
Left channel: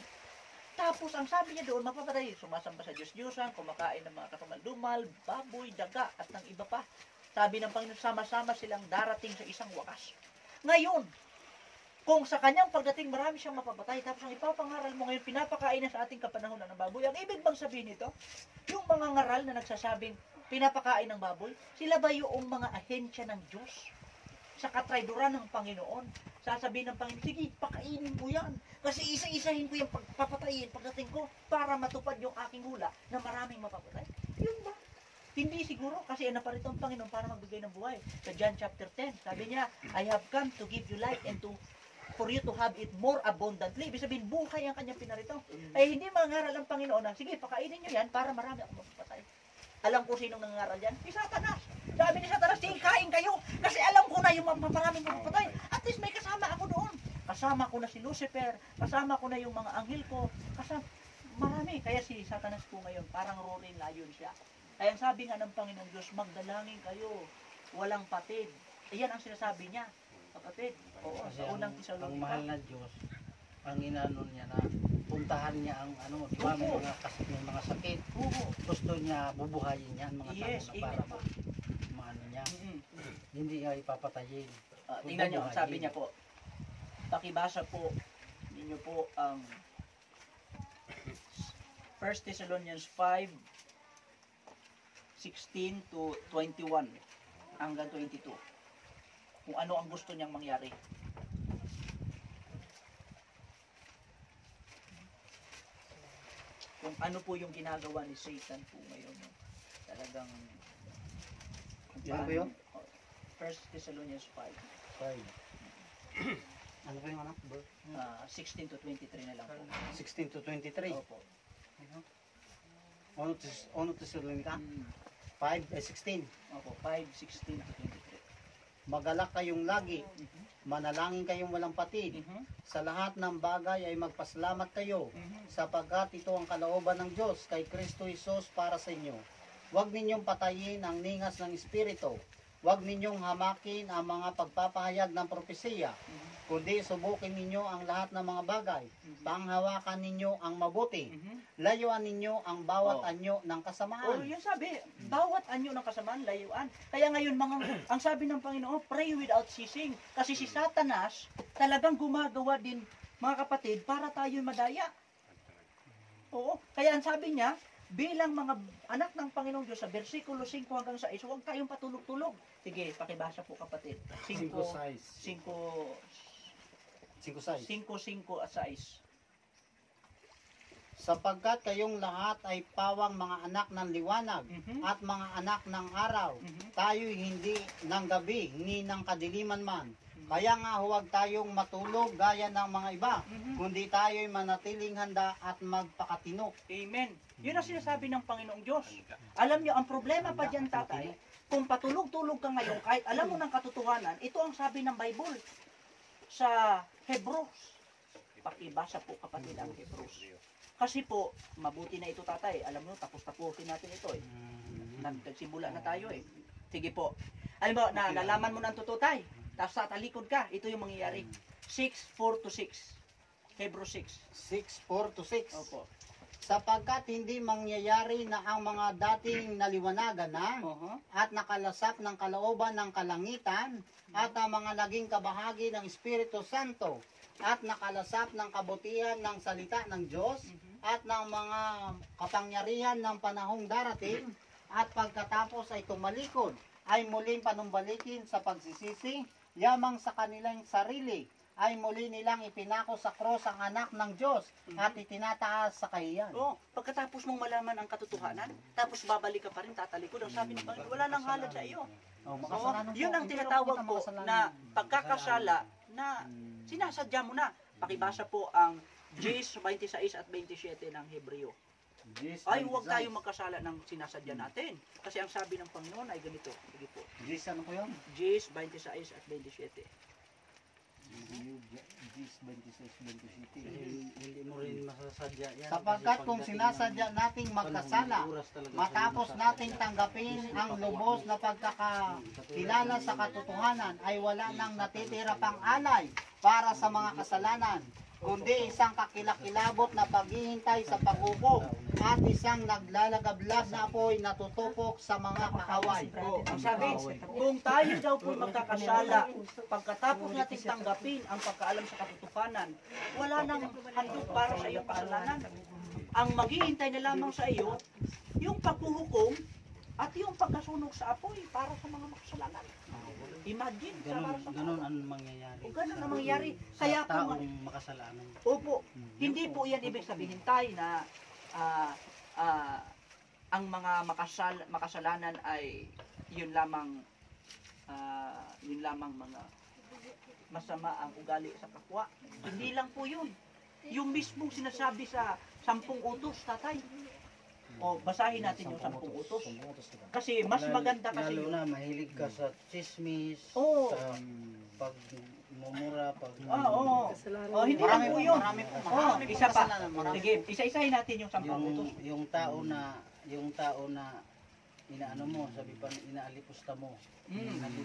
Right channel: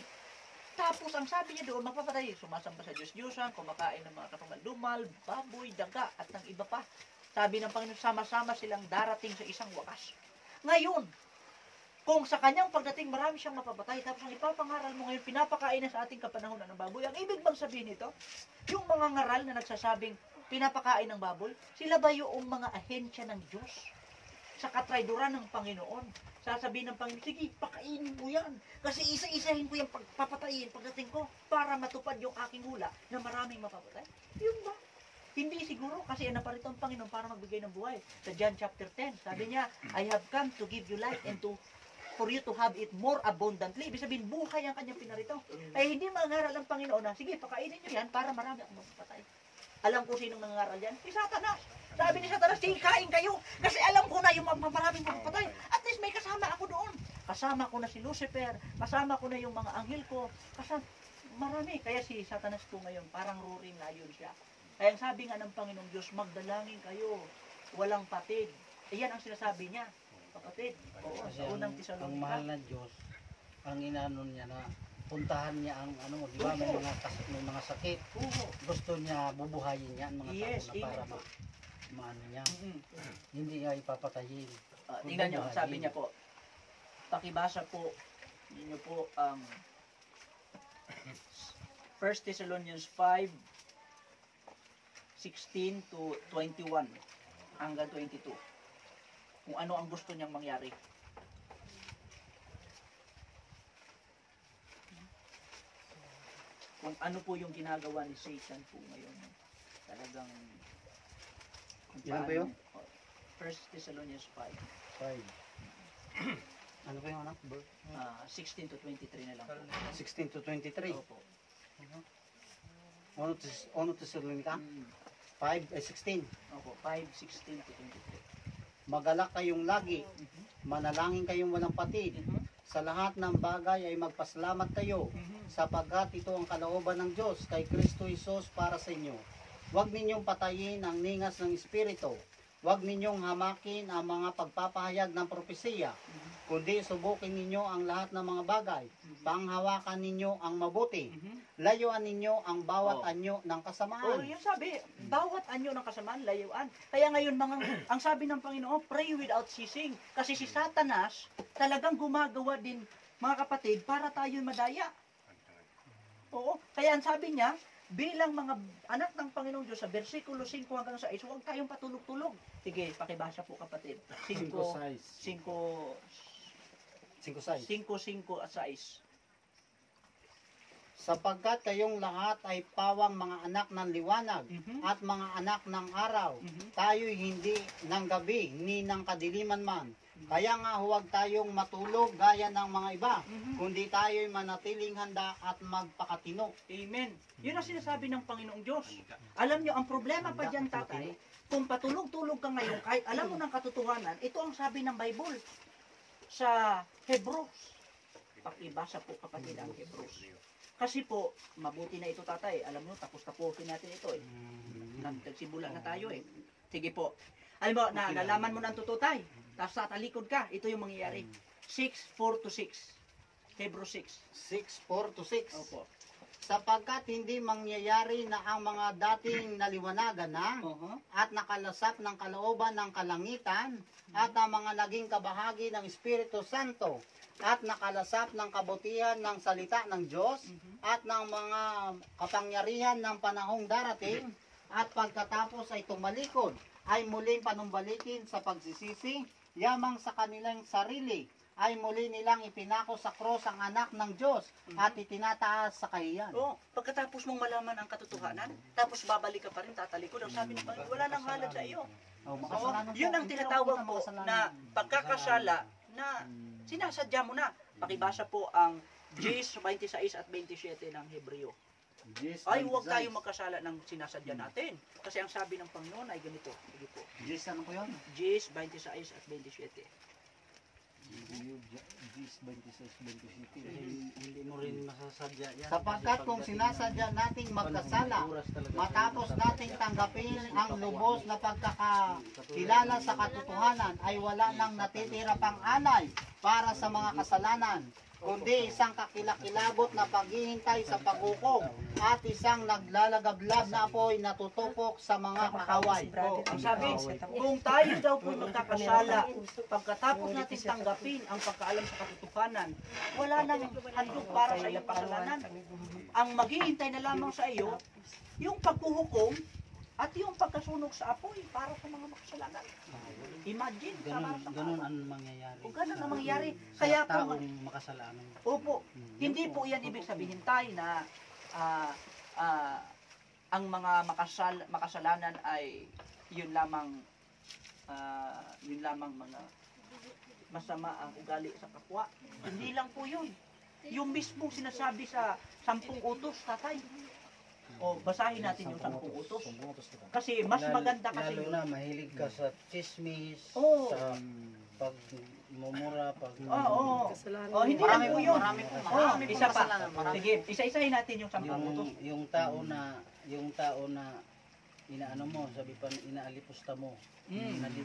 Tapos ang sabi niya doon, mapapatay, sumasamba sa Diyos-Diyosan, kumakain ng mga katumal-dumal, baboy, daga, at ng iba pa. Sabi ng Panginoon, sama-sama silang darating sa isang wakas. Ngayon, kung sa kanyang pagdating marami siyang mapapatay, tapos ang ipapangaral mo ngayon, pinapakain na sa ating kapanahonan ng baboy, ang ibig bang sabihin nito? Yung mga ngaral na nagsasabing pinapakain ng baboy, sila ba yung mga ahensya ng Diyos? Sa katrayduran ng Panginoon, sasabihin ng Panginoon, sige, pakainin mo yan. Kasi isa-isahin ko yung papatayin pagdating ko para matupad yung aking hula na maraming mapapatay. Yung ba? Hindi siguro kasi naparito ang Panginoon para magbigay ng buhay. Sa John chapter 10, sabi niya, I have come to give you life and for you to have it more abundantly. Ibig sabihin, buhay ang kanyang pinarito. Ay hindi mangaral ang Panginoon na, sige, pakainin nyo yan para marami akong mapapatay. Alam ko sinong nangangaral yan? Si Satanas. Sabi ni Satanas, sige, kain kayo. Kasi alam ko na yung maraming mapapatay. At least may kasama ako doon. Kasama ko na si Lucifer. Kasama ko na yung mga anghel ko. Kasama, marami. Kaya si Satanas po ngayon, parang roaring lion siya. Kaya ang sabi nga ng Panginoong Diyos, magdalangin kayo. Walang patid. Iyan ang sinasabi niya. Kapatid. Oo, Kasi sa unang ang mahal Tesalonica. na Diyos, ang inaano niya na puntahan niya ang ano, di ba, may mga sakit. Oo. Gusto niya bubuhayin niya ang mga Yes, tao na para maano niya. Hindi niya ipapatayin. Tingnan nyo, sabi niya po, pakibasa po ninyo po ang 1 Thessalonians 5, 16 to 21 hanggang 22. Kung ano ang gusto niyang mangyari. Kung ano po yung ginagawa ni Satan po ngayon. Talagang kung Ilan po yun? 1 Thessalonians 5. 5. Ano pa yung anak? 16 to 23 na lang po. 16 to 23. Opo. Ono Tesalonica? 5, 16. Opo, 5, 16 to 23. Magalak kayong lagi. Manalangin kayong walang patid. Sa lahat ng bagay ay magpasalamat kayo sapagkat ito ang kalooban ng Diyos kay Kristo Jesus para sa inyo. Huwag ninyong patayin ang ningas ng Espiritu. Huwag ninyong hamakin ang mga pagpapahayag ng propesiya, kundi subukin ninyo ang lahat ng mga bagay. Panghawakan ninyo ang mabuti. layuan ninyo ang bawat Oh. anyo ng Oh, kasamaan. yun sabi, bawat anyo ng kasamaan, layuan. Kaya ngayon, ang sabi ng Panginoon, pray without ceasing. Kasi si Satanas, talagang gumagawa din, mga kapatid, para tayo madaya. Oo, kaya ang sabi niya, bilang mga anak ng Panginoong Diyos, sa versikulo 5 hanggang 6, huwag tayong patulog-tulog. Sige, pakibasa po kapatid. 5, 5 at 6. Sapagkat kayong lahat ay pawang mga anak ng liwanag Mhm. at mga anak ng araw. Mhm. Tayo'y hindi ng gabi ni ng kadiliman man. Kaya nga huwag tayong matulog gaya ng mga iba, Mhm. kundi tayo'y manatiling handa at magpakatino. Amen. Yun ang sinasabi ng Panginoong Diyos. Alam niyo, ang problema pa dyan, tatay, kung patulog-tulog ka ngayon, kahit alam mo ng katotohanan, ito ang sabi ng Bible sa Hebrews. Pakibasa po kapatid ang Hebrews. Kasi po, mabuti na ito tatay. Alam mo, tapos-tapusin natin ito eh. Nagsimula na tayo eh. Sige po. Alam mo, nalaman mo ng totoo tay. Tapos sa talikod ka, ito yung mangyayari. 6:4-6. Hebrews 6. 6:4-6. Opo. Sapagkat hindi mangyayari na ang mga dating naliwanagan na at nakalasap ng kalooban ng kalangitan at ang mga naging kabahagi ng Espiritu Santo at nakalasap ng kabutihan ng salita ng Diyos at ng mga kapangyarihan ng panahong darating at pagkatapos ay tumalikod ay muling panumbalikin sa pagsisisi yamang sa kanilang sarili ay muli nilang ipinako sa cross ang anak ng Diyos at itinataas sa kahiyan. Oo, pagkatapos mong malaman ang katotohanan, tapos babalik ka pa rin, tatalikod. Ang sabi ng Panginoon, wala nang halad sa iyo. Makasalanan Yun po. ang Hindi tinatawag ako po makasalanan. na pagkakasala na sinasadya mo na. Pakibasa po ang Gs 26 at 27 ng Hebreo. Ay, huwag tayo magkasala ng sinasadya natin. Kasi ang sabi ng Panginoon ay ganito. Sige po. Diyos, ano po yun? Gs 26 at 27. Hindi mo rin masasadya yan. Sapagkat kung sinasadya nating magkasala, matapos nating tanggapin ang lubos na pagkakakilala sa katotohanan, ay wala nang natitira pang alay para sa mga kasalanan, kundi isang kakilakilabot na paghihintay sa paghukom at isang naglalagablab na apoy na tutupok sa mga kaaway. Ang sabi, kung tayo daw po magkakasala, pagkatapos natin tanggapin ang pagkaalam sa katotohanan, wala nang handog para sa iyong kasalanan. Ang maghihintay na lamang sa iyo, yung paghuhukom at yung pagkasunog sa apoy para sa mga makasalanan. Imagine, Ganun ang mangyayari. o ganun ang mangyayari. Sa Kaya po, taong makasalanan. opo, hindi po yan ibig sabihin tayo na ang mga makasalanan ay yun lamang mga masama ang ugali sa kapwa. Hindi lang po yun. Yung mismo sinasabi sa 10 utos, tatay. O basahin natin yung 10 utos. Kasi mas maganda kasi Lalo yun. na mahilig ka sa chismis, Oo. sa pagmumura, Oo. Oh, hindi Marami lang po, po yun. marami po, Oh, marami po isa pa. kasalanan, marami. Sige, isa-isahin natin yung 10 utos. yung tao na inaano mo, sabi pa inaalipusta mo, na di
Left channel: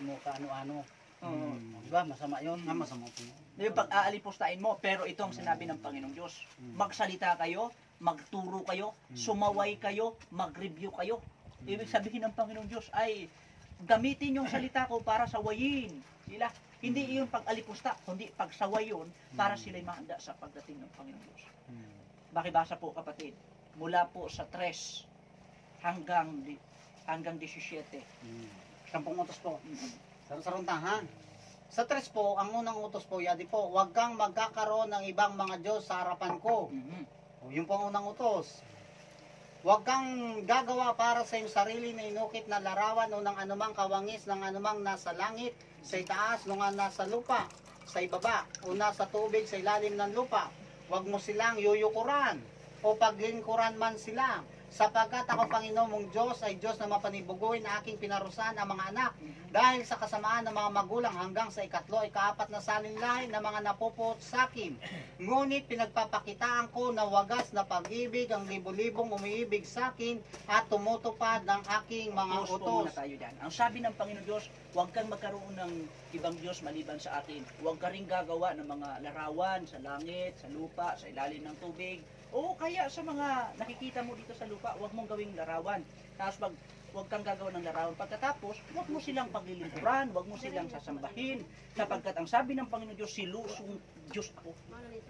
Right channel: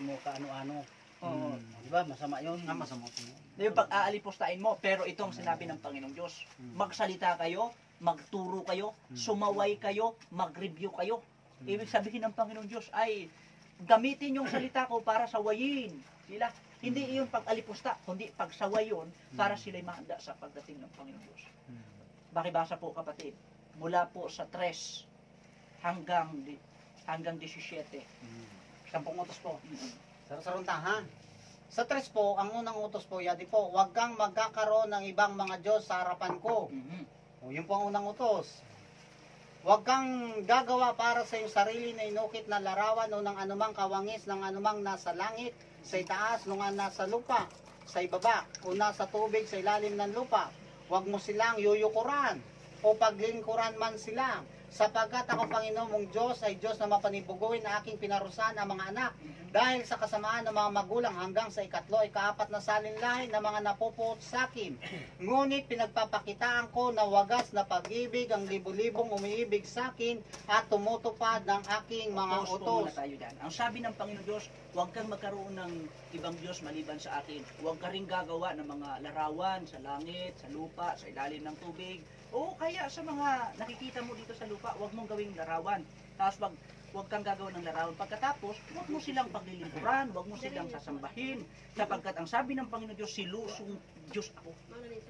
mo kaano-ano. Oo. Di ba? Masama 'yon. Masama po. Yung pag-aalipustahin mo, pero ito ang sinabi ng Panginoong Diyos. Magsalita kayo, magturo kayo, sumaway kayo, mag-review kayo. Ibig sabihin ng Panginoong Diyos ay gamitin yung salita ko para sawayin sila. Hindi iyon pag-alipusta, kundi pagsaway yun para sila'y mahanda sa pagdating ng Panginoong Diyos. Bakibasa po kapatid, mula po sa 3 hanggang 17. 10 utos po. Saruntahan. Sa 3 po, ang unang utos po, yadi po, huwag kang magkakaroon ng ibang mga Diyos sa harapan ko. O, yun po ang unang utos. Huwag kang gagawa para sa iyong sarili na inukit na larawan o ng anumang kawangis ng anumang nasa langit, sa itaas, nung nasa lupa, sa ibaba, o nasa tubig, sa ilalim ng lupa. Huwag mo silang yuyukuran o paglingkuran man sila. Sapagkat ako, Panginoon mong Diyos, ay Diyos na mapanibuguin na aking pinarusahan ang mga anak. Dahil sa kasamaan ng mga magulang hanggang sa 3 ay 4 na salinlahi na mga napupuot sa akin. Ngunit pinagpapakitaan ko na wagas na pag-ibig ang libo-libong umiibig sa akin at tumutupad ng aking mga Pause po utos. muna tayo dyan. Ang sabi ng Panginoon Diyos, huwag kang magkaroon ng ibang Diyos maliban sa akin. Huwag ka rin gagawa ng mga larawan sa langit, sa lupa, sa ilalim ng tubig, Oo, kaya sa mga nakikita mo dito sa lupa, huwag mong gawing larawan. Tapos huwag kang gagawa ng larawan. Pagkatapos, huwag mo silang paglilingkuran, huwag mo silang sasambahin. Sapagkat ang sabi ng Panginoon Diyos, silusong Diyos ako.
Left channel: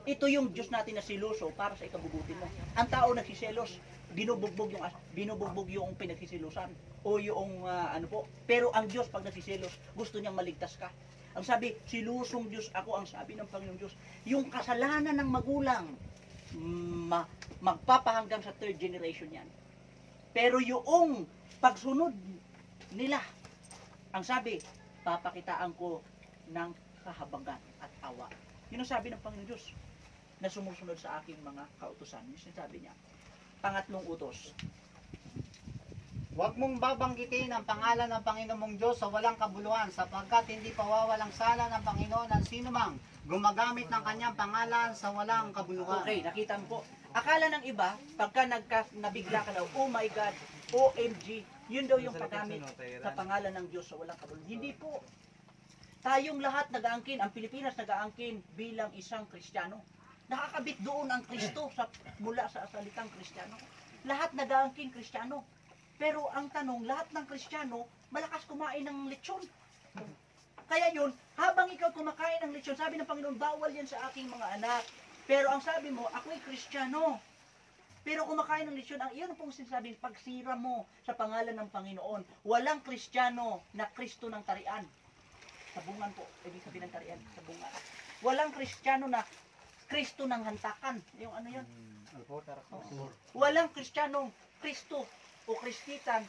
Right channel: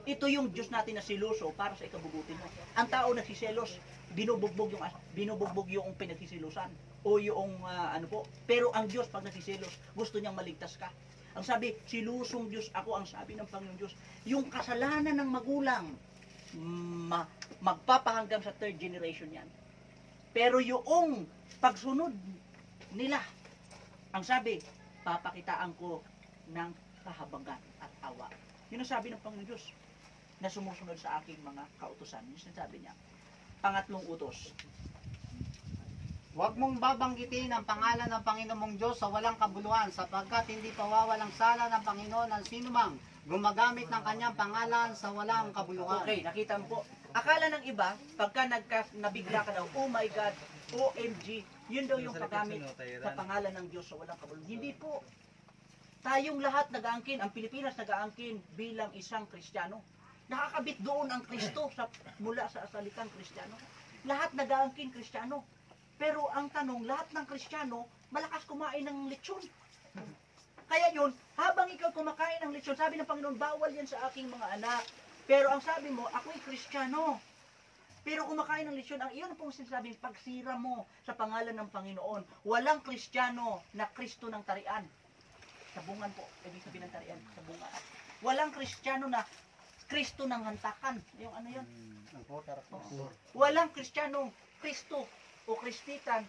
Ito yung Diyos natin na siluso para sa ikabubuti mo. Ang tao nagsiselos, binubugbog yung pinagsisilusan o yung ano po. Pero ang Diyos pag nagsiselos, gusto niyang maligtas ka. Ang sabi, silusong Diyos ako, ang sabi ng Panginoon Diyos. Yung kasalanan ng magulang, magpapahanggang sa third generation yan. Pero yung pagsunod nila, ang sabi, papakitaan ko ng kahabagan at awa. Yun ang sabi ng Panginoon Diyos na sumusunod sa aking mga kautusan. Yun ang sabi niya. Pangatlong utos. Huwag mong babanggitin ang pangalan ng Panginoon mong Diyos sa walang kabuluhan, sapagkat hindi pawawalang sala ng Panginoon ang sinumang gumagamit ng kanyang pangalan sa walang kabuluhan. Okay, nakita mo po. Akala ng iba, pagka nabigla ka daw, oh my God, OMG, yun daw yung paggamit sa pangalan ng Diyos sa walang kabuluhan. Hindi po. Tayong lahat nag-aangkin, ang Pilipinas nag-aangkin bilang isang Kristiyano. Nakakabit doon ang Kristo mula sa salitang Kristiyano. Lahat nag-aangkin Kristiyano. Pero ang tanong, lahat ng Kristiyano, malakas kumain ng lechon. Kaya yun, habang ikaw kumakain ng lechon, sabi ng Panginoon, bawal yan sa aking mga anak. Pero ang sabi mo, ako'y Kristiyano. Pero kumakain ng lechon, ang iyon pong sinasabing pagsira mo sa pangalan ng Panginoon. Walang Kristiyano na Kristo ng tarian. Sabungan po, ibig sabihin ng tarian, sabungan. Walang Kristiyano na Kristo ng hantakan. Yung ano yun? Walang Kristiyanong Kristo o Kristitan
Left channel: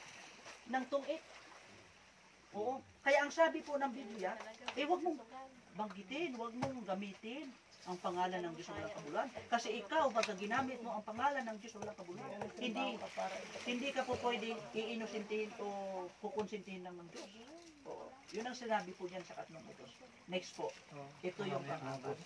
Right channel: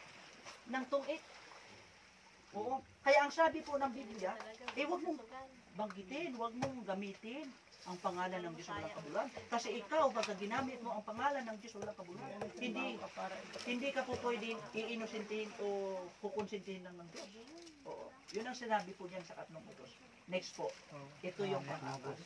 ng tungit. Oo. Kaya ang sabi po ng Biblia, huwag mong banggitin, huwag mong gamitin ang pangalan ng Diyos sa walang kabuluhan. Kasi ikaw, pagka ginamit mo ang pangalan ng Diyos sa walang kabuluhan, hindi ka po pwedeng iinusintihin o kukonsintihin lang ng Diyos. Oo. Yun ang sinabi po diyan sa katlong utos. Next po. Ito yung pang-apat.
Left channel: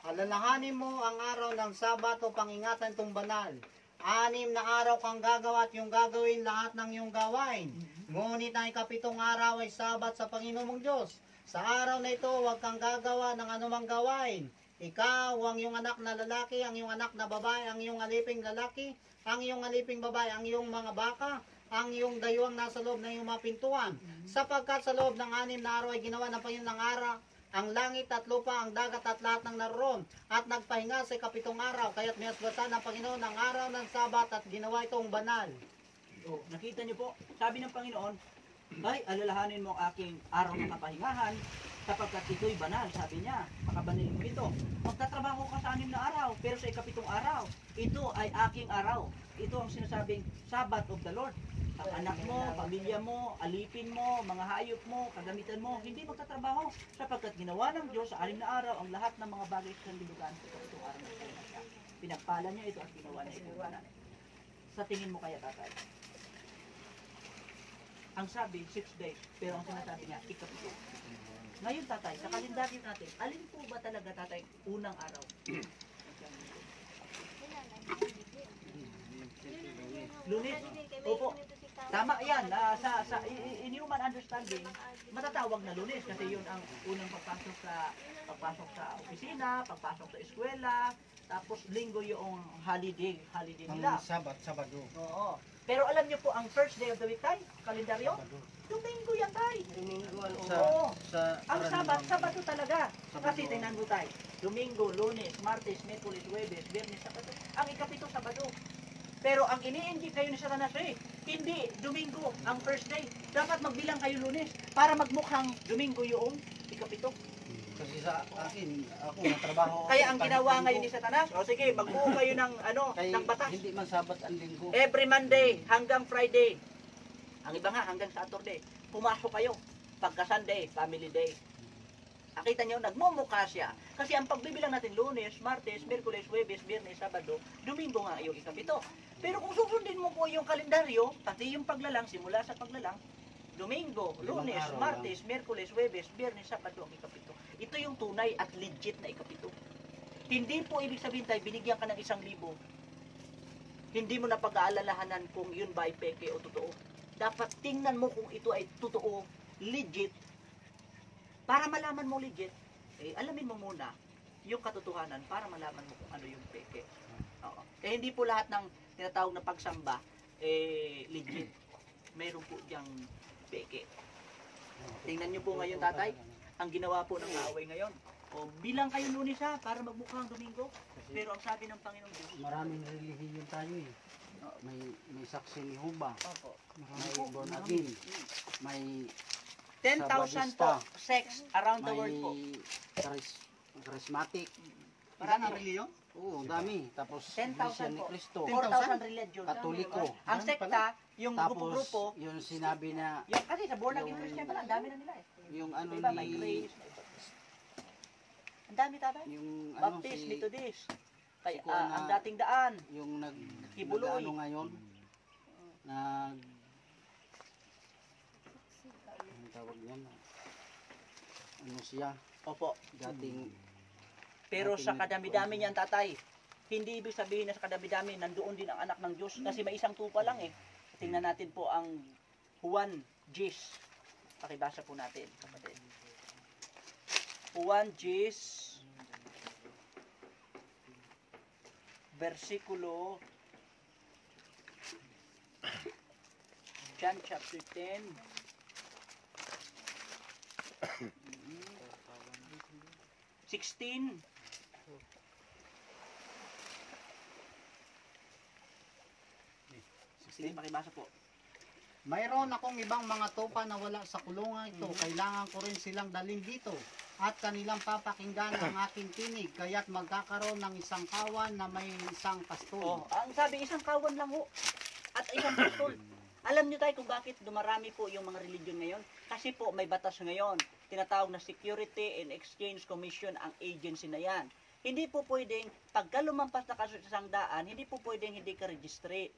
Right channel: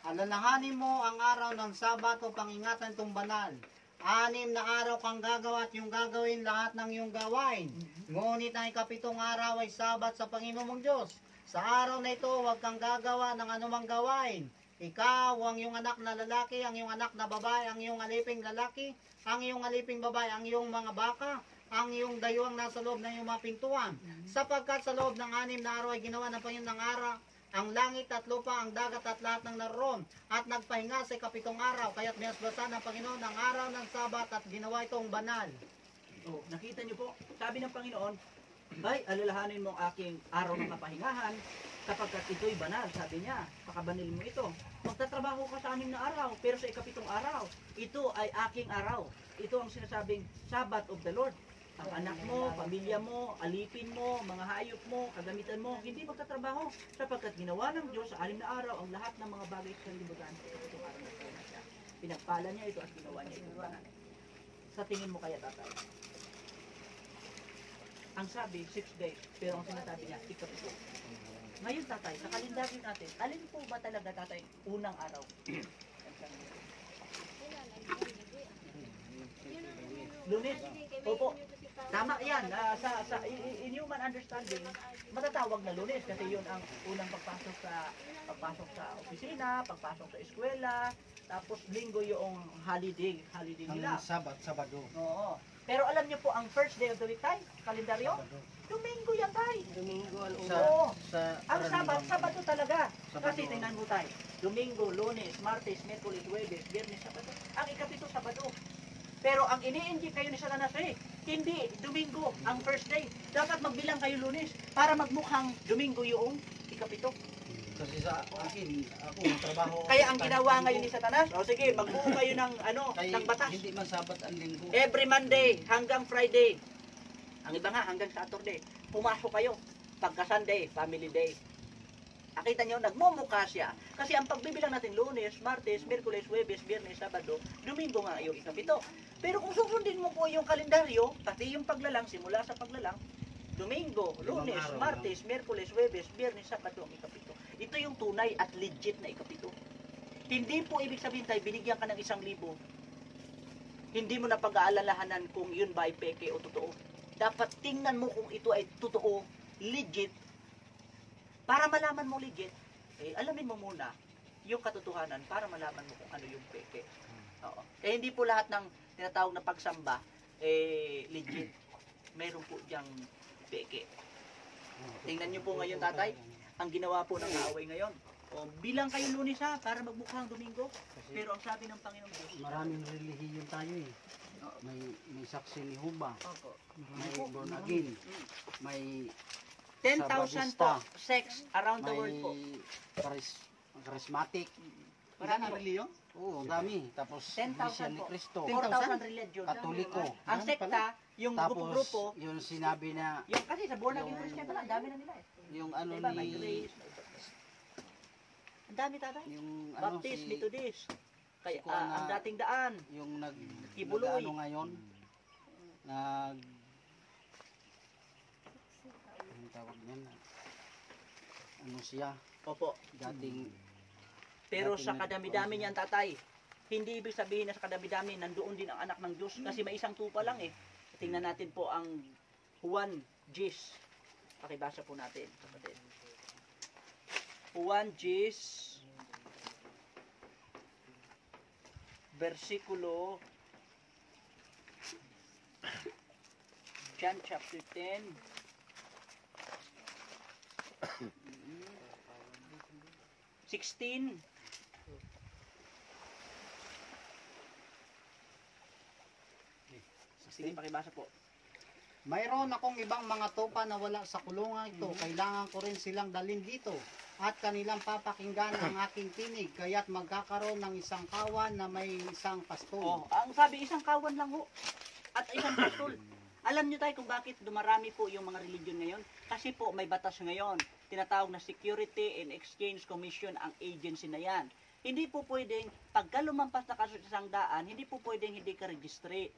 Alalahanin mo ang araw ng Sabat o pangingatan itong banal. 6 na araw kang gagawa at yung gagawin lahat ng iyong gawain. Ngunit ang ikapitong araw ay Sabat sa Panginoon mong Diyos. Sa araw na ito, huwag kang gagawa ng anumang gawain. Ikaw, ang iyong anak na lalaki, ang iyong anak na babae, ang iyong aliping lalaki, ang iyong aliping babae, ang iyong mga baka, ang iyong dayuang nasa loob ng iyong mga pintuan. Sapagkat sa loob ng 6 na araw ay ginawa ng Panginoon ng araw, ang langit at lupa, ang dagat at lahat ng naroon, at nagpahinga sa ikapitong araw, kaya't minasbasan ng Panginoon ang araw ng Sabat at ginawa itong banal. Oh, nakita niyo po, sabi ng Panginoon, ay, alalahanin mo ang aking araw ng kapahingahan, sapagkat ito'y banal, sabi niya, pakabanilin mo ito. Magtatrabaho ka sa 6 na araw, pero sa ikapitong araw, ito ay aking araw. Ito ang sinasabing Sabbath of the Lord. Ang anak mo, pamilya mo, alipin mo, mga hayop mo, kagamitan mo, hindi magtatrabaho, sapagkat ginawa ng Diyos sa 6 na araw ang lahat ng mga bagay sa libutan sa ikapitong araw na ito na siya. Pinagpala niya ito at ginawa niya ito banal. Sa tingin mo kaya, tatay? Ang sabi, 6 days, pero ang sinasabi niya, ikapito. Ngayon, tatay, sa kalendaryo natin, alin po ba talaga, tatay, unang araw? Lunes. Opo. Tama yan. In human understanding, matatawag na Lunes kasi yun ang unang pagpasok sa opisina, pagpasok sa eskwela, tapos Linggo yung holiday nila. Sabado. Oo. Pero alam niyo po, ang first day of the week, tay, kalendaryo, Domingo yan, tay. Domingo, Oo. Sa Ang karaniwan, Sabado talaga. Sabado. Kasi tingnan mo tayo. Domingo, Lunes, Martes, Miyerkules, Huwebes, Biyernes, Sabado. Ang ikapito, Sabado. Pero ang ini-indicate kayo ni Satanas hindi Domingo ang first day. Dapat magbilang kayo Lunes para magmukhang Domingo yung ikapito. kasi sa akin, ako trabaho. Kaya ang ginawa ngayon ni Satanas, o sige, magbuo kayo ng ng batas. Hindi man Sabat ang linggo. Every Monday hanggang Friday. Ang iba nga hanggang Saturday. Pumasok kayo. Pagka Sunday, family day. Nakita nyo, nagmumukha siya. Kasi ang pagbibilang natin, Lunes, Martes, Miyerkules, Huwebes, Biyernes, Sabado, Domingo nga yung ikapito. Pero kung susundin mo po yung kalendaryo, pati yung paglalang, simula sa paglalang, Domingo, Lunes, Martes, Miyerkules, Huwebes, Biyernes, Sabado ang ikapito. Ito yung tunay at legit na ikapito. Hindi po ibig sabihin tayo, binigyan ka ng 1,000. Hindi mo na pag-aalalahanan kung yun ba ay peke o totoo. Dapat tingnan mo kung ito ay totoo, legit. Para malaman mo legit, alamin mo muna yung katotohanan para malaman mo kung ano yung peke. Oo. Kaya hindi po lahat ng tinatawag na pagsamba legit. Meron po diyang peke. Tingnan niyo po ngayon, tatay, ang ginawa po ng kaaway ngayon. O, bilang kayo Lunes ha, para magmukhang Domingo. Pero ang sabi ng Panginoon Diyos, Maraming relihiyon tayo eh. May saksi ni Huba, opo, may born again, may 10,000 po sex around the world po. charismatic. Marami reliyon? Oo, dami. Tapos 10,000 Iglesia ni po. Cristo, 4,000 religion. Katoliko. Ang sekta, yung grupo-grupo, Tapos yung sinabi na yung kasi sa born again Christian pala, ang dami na nila eh. yung ano Diba, may ni grace, may ang dami tatay. yung ano Baptist, si Methodist, kay, si Kuya ang na- dating daan, yung Kibuloy. ano ngayon nag ang tawag nun ano siya opo. dating Pero Dating- sa kadami-dami niyan tatay, hindi ibig sabihin na sa kadami-dami nandoon din ang anak ng Diyos kasi may isang tupa lang eh. Tingnan natin po ang Juan Gis. Pakibasa po natin, kapatid. Juan Gis versikulo John chapter 10 16. Sige, pakibasa po. Mayroon akong ibang mga tupa na wala sa kulungan ito. Kailangan ko rin silang dalhin dito. At kanilang papakinggan ang aking tinig. Kaya't magkakaroon ng isang kawan na may isang pastol. Oh, ang sabi isang kawan lang ho. At isang pastol. Alam niyo tayo kung bakit dumarami po yung mga religion ngayon? Kasi po may batas ngayon. Tinatawag na Security and Exchange Commission ang agency na yan. Hindi po pwedeng, pagka lumampas na kaso sa isang daan, hindi po pwedeng hindi ka registered.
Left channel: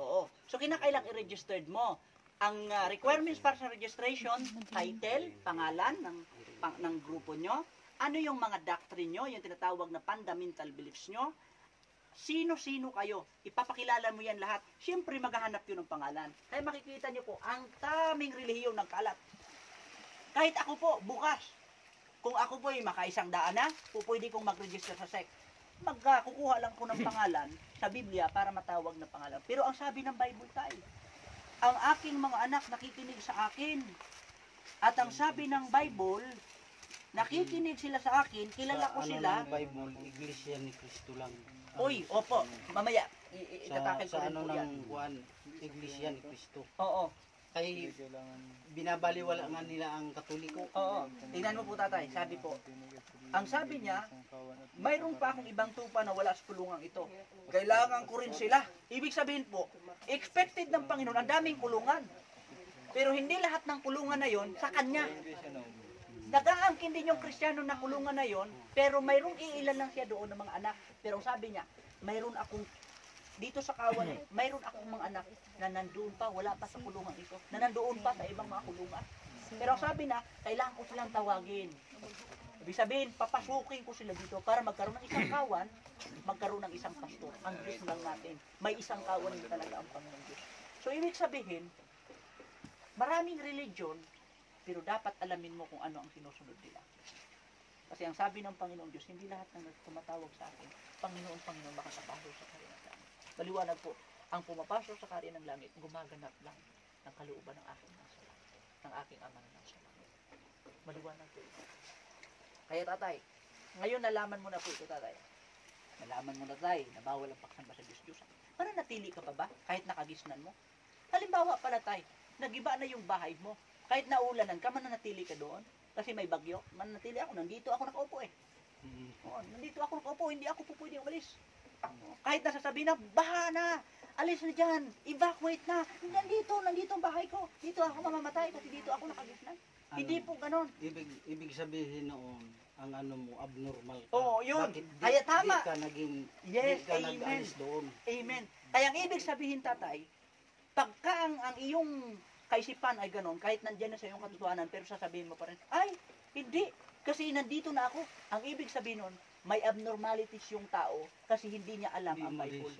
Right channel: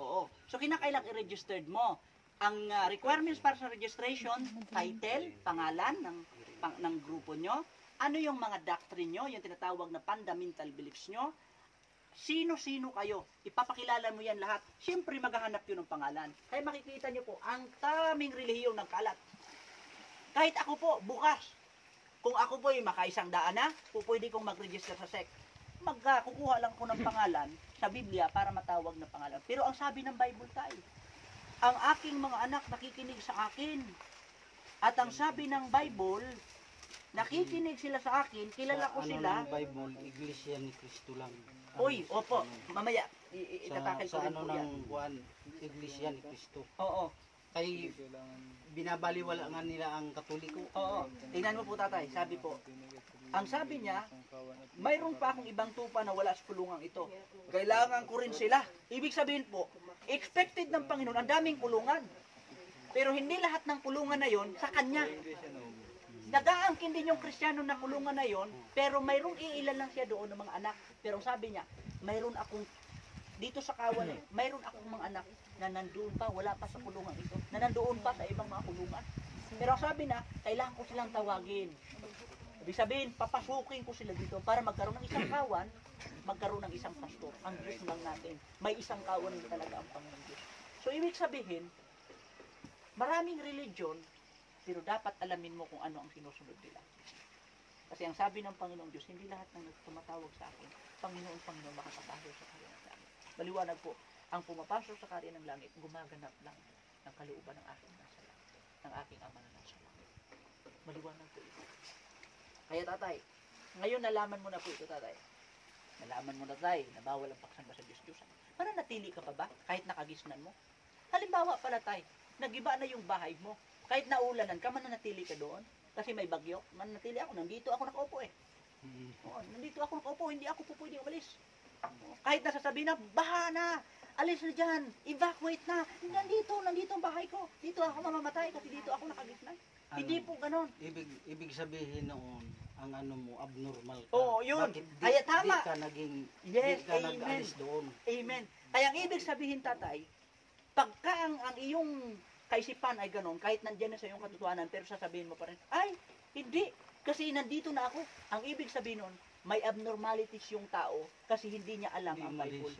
Oo. So kinakailang i-registered mo. Ang requirements para sa registration, title, pangalan ng grupo nyo, ano yung mga doctrine nyo, yung tinatawag na fundamental beliefs nyo, sino-sino kayo, ipapakilala mo yan lahat. Siyempre maghahanap yun ng pangalan. Kaya makikita nyo po, ang taming relihiyon ng kalat. Kahit ako po, bukas, kung ako po ay makaisang daan na, pwede kong mag-register sa SEC. Kukuha lang ko ng pangalan sa Biblia para matawag na pangalan. Pero ang sabi ng Bible tayo, ang aking mga anak nakikinig sa akin. At ang sabi ng Bible, nakikinig sila sa akin, kilala ko sa sila. ano ng Bible, Iglesia ni Cristo lang. Uy, opo, mamaya, sa, itatakil ko sa rin ano po yan. ng Juan, Iglesia ni Cristo. Oo, Kay binabaliwala nga nila ang Katoliko. oo. Tingnan mo po tatay, sabi po, ang sabi niya, mayroon pa akong ibang tupa na wala sa kulungang ito. Kailangan ko rin sila. Ibig sabihin po, expected ng Panginoon, ang daming kulungan. Pero hindi lahat ng kulungan na yon sa Kanya. Nag-aangkin din yung Kristiyano na kulungan na yon, pero mayroong iilan lang siya doon ng mga anak. Pero sabi niya, mayroon akong, dito sa kawan, mayroon akong mga anak na nandoon pa, wala pa sa kulungan ito, na nandoon pa sa ibang mga kulungan. Pero sabi na, kailangan ko silang tawagin. Ibig sabihin, papasukin ko sila dito para magkaroon ng isang kawan, magkaroon ng isang pastor. Ang Diyos lang natin. May isang kawan din talaga ang Panginoon Diyos. So, ibig sabihin, maraming religion, pero dapat alamin mo kung ano ang sinusunod nila. Kasi ang sabi ng Panginoon Diyos, hindi lahat ng tumatawag sa akin, Panginoon, makakapasok sa kariyan ng langit. Maliwanag po, ang pumapasok sa kariyan ng langit, gumaganap lang ng kalooban ng aking nasa langit, ng aking ama na nasa langit. Maliwanag po ito. Kaya tatay, ngayon nalaman mo na po ito tatay. Nalaman mo na tatay, na bawal ang pagsamba sa Diyos-Diyosan. Mananatili ka pa ba kahit nakagisnan mo? Halimbawa pala tay, nagiba na yung bahay mo. Kahit naulanan ka, mananatili ka doon. Kasi may bagyo, mananatili ako. Nandito ako nakaupo eh. Oo, nandito ako nakaupo, hindi ako po pwede umalis. Kahit nasasabihin na, baha na, alis na dyan, evacuate na. Nandito ang bahay ko. Dito ako mamamatay kasi dito ako nakagisnan. Hindi po ganon. Ibig sabihin noon, ang ano mo, abnormal ka. Oo, yun. Bakit Kaya tama. Di ka naging, Yes, di ka amen. nag-alis doon. Amen. Kaya ang ibig sabihin tatay, pagka ang iyong kaisipan ay ganon, kahit nandyan na sa iyong katotohanan, pero sasabihin mo pa rin, ay, hindi, kasi nandito na ako. Ang ibig sabihin nun, may abnormalities yung tao kasi hindi niya alam ang Bible.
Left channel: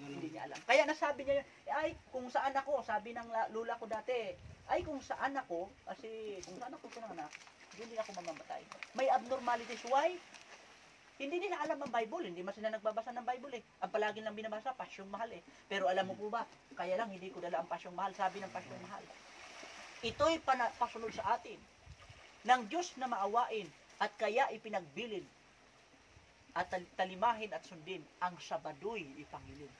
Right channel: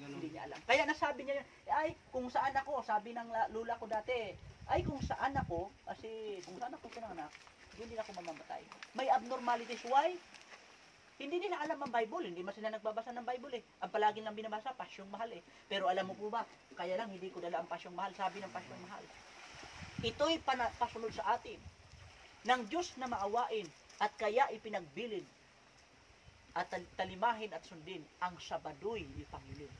Hindi niya alam. Kaya nasabi niya yun, ay, kung saan ako, sabi ng lula ko dati, ay, kung saan ako, kasi kung saan ako ito ng anak, hindi ako mamamatay. May abnormalities. Why? Hindi nila alam ang Bible, hindi man sila nagbabasa ng Bible eh. Ang palagi lang binabasa, pasyong mahal eh. Pero alam mo po ba, kaya lang hindi ko dala ang pasyong mahal, sabi ng pasyong mahal. Ito'y pasunod sa atin ng Diyos na maawain at kaya ipinagbilin at talimahin at sundin ang Sabado'y ipangilin.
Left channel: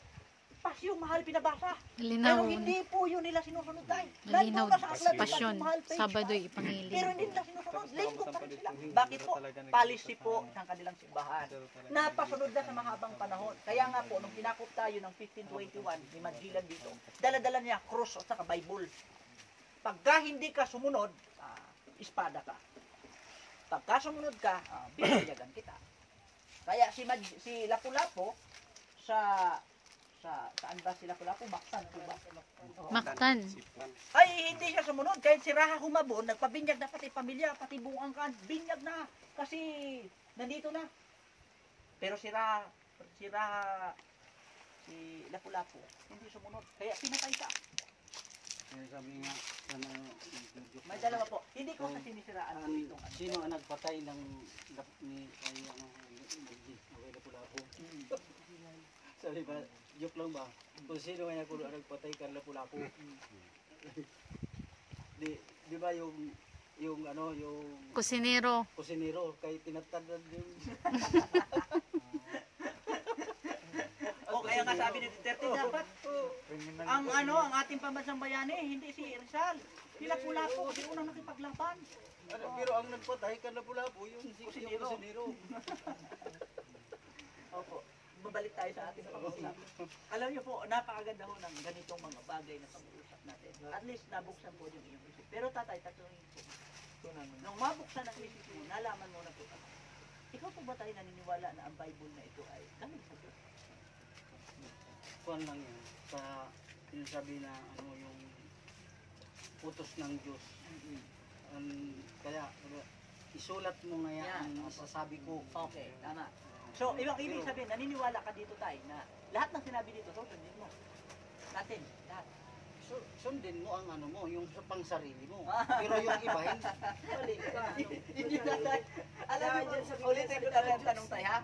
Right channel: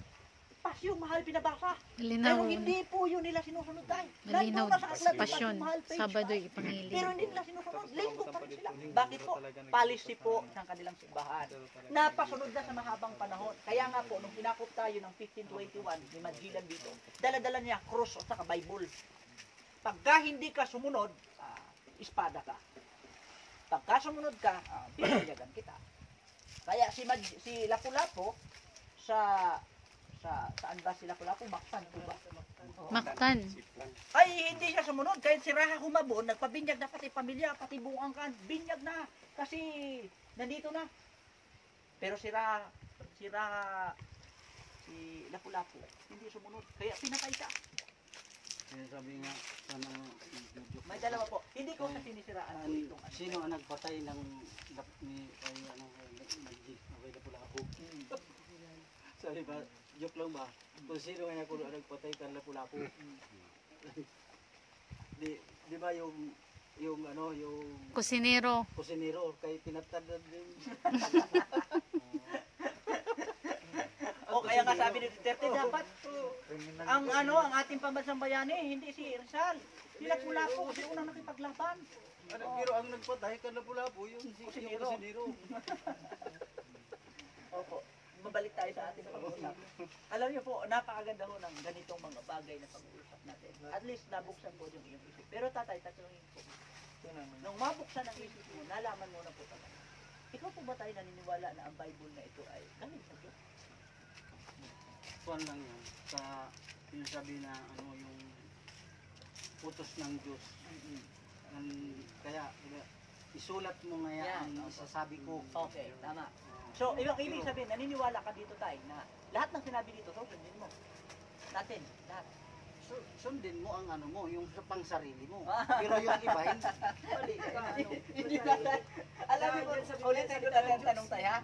Pasyong mahal pinabasa. Malinaw. Pero hindi po yun nila sinusunod tayo. Malinaw. Nandun na sa aklat ng Pasyon. Pasyong Mahal, page Sabado'y 5. ipangilin. Pero hindi nila sinusunod. Linggo pa rin sila. Bakit po? Policy po ng kanilang simbahan. Napasunod na sa mahabang panahon. Kaya nga po, nung kinakop tayo ng 1521, ni Magellan dito, dala-dala niya cross at saka Bible. Pagka hindi ka sumunod, espada ka. Pagka sumunod ka, bibigyan kita. Kaya si Lapu-Lapu saan ba si Lapu-Lapu? Mactan po ba? Mactan. Ay, hindi siya sumunod. Kahit si Raha humabon, nagpabinyag na pati pamilya, pati buong angkan. Binyag na. Kasi nandito na. Pero si Lapu-Lapu, hindi sumunod. Kaya pinatay siya. Sabi nga, May dalawa po. Hindi ko sa sinisiraan po itong ano. sino ang nagpatay ng Lapu-Lapu? Sabi ba, joke lang ba? Kung sino kaya kung nagpatay ka Lapu-Lapu? Di ba yung Kusinero. kusinero kay pinatadad din. O kaya nga sabi ni Duterte, dapat ang ating pambansang bayani, hindi si Rizal. Si Lapu-Lapu, kasi unang nakipaglaban. Pero ang nagpatay ka Lapu-Lapu, yung Kusinero. kusinero. Opo. Babalik tayo sa ating pag-uusap. Alam niyo po, napakaganda ho ng ganitong mga bagay na pag-uusap natin. At least nabuksan po yung iyong isip. Pero tatay, tatanungin po. Nung mabuksan ang isip mo, nalaman mo na po talaga. Ikaw po ba tayo naniniwala na ang Bible na ito ay galing sa Diyos? Kuan lang yan. Sa sinasabi na yung utos ng Diyos. Kaya isulat mo nga Yan, ang opo. sasabi ko. Okay, tama. So, ibig sabihin, naniniwala ka dito tayo na lahat ng sinabi dito, sundin mo. Natin, lahat. So, sundin mo ang yung sa pangsarili mo. Pero yung iba, hindi. Hindi ba tayo? Alam mo, ulitin ko na lang ang tanong tayo, ha?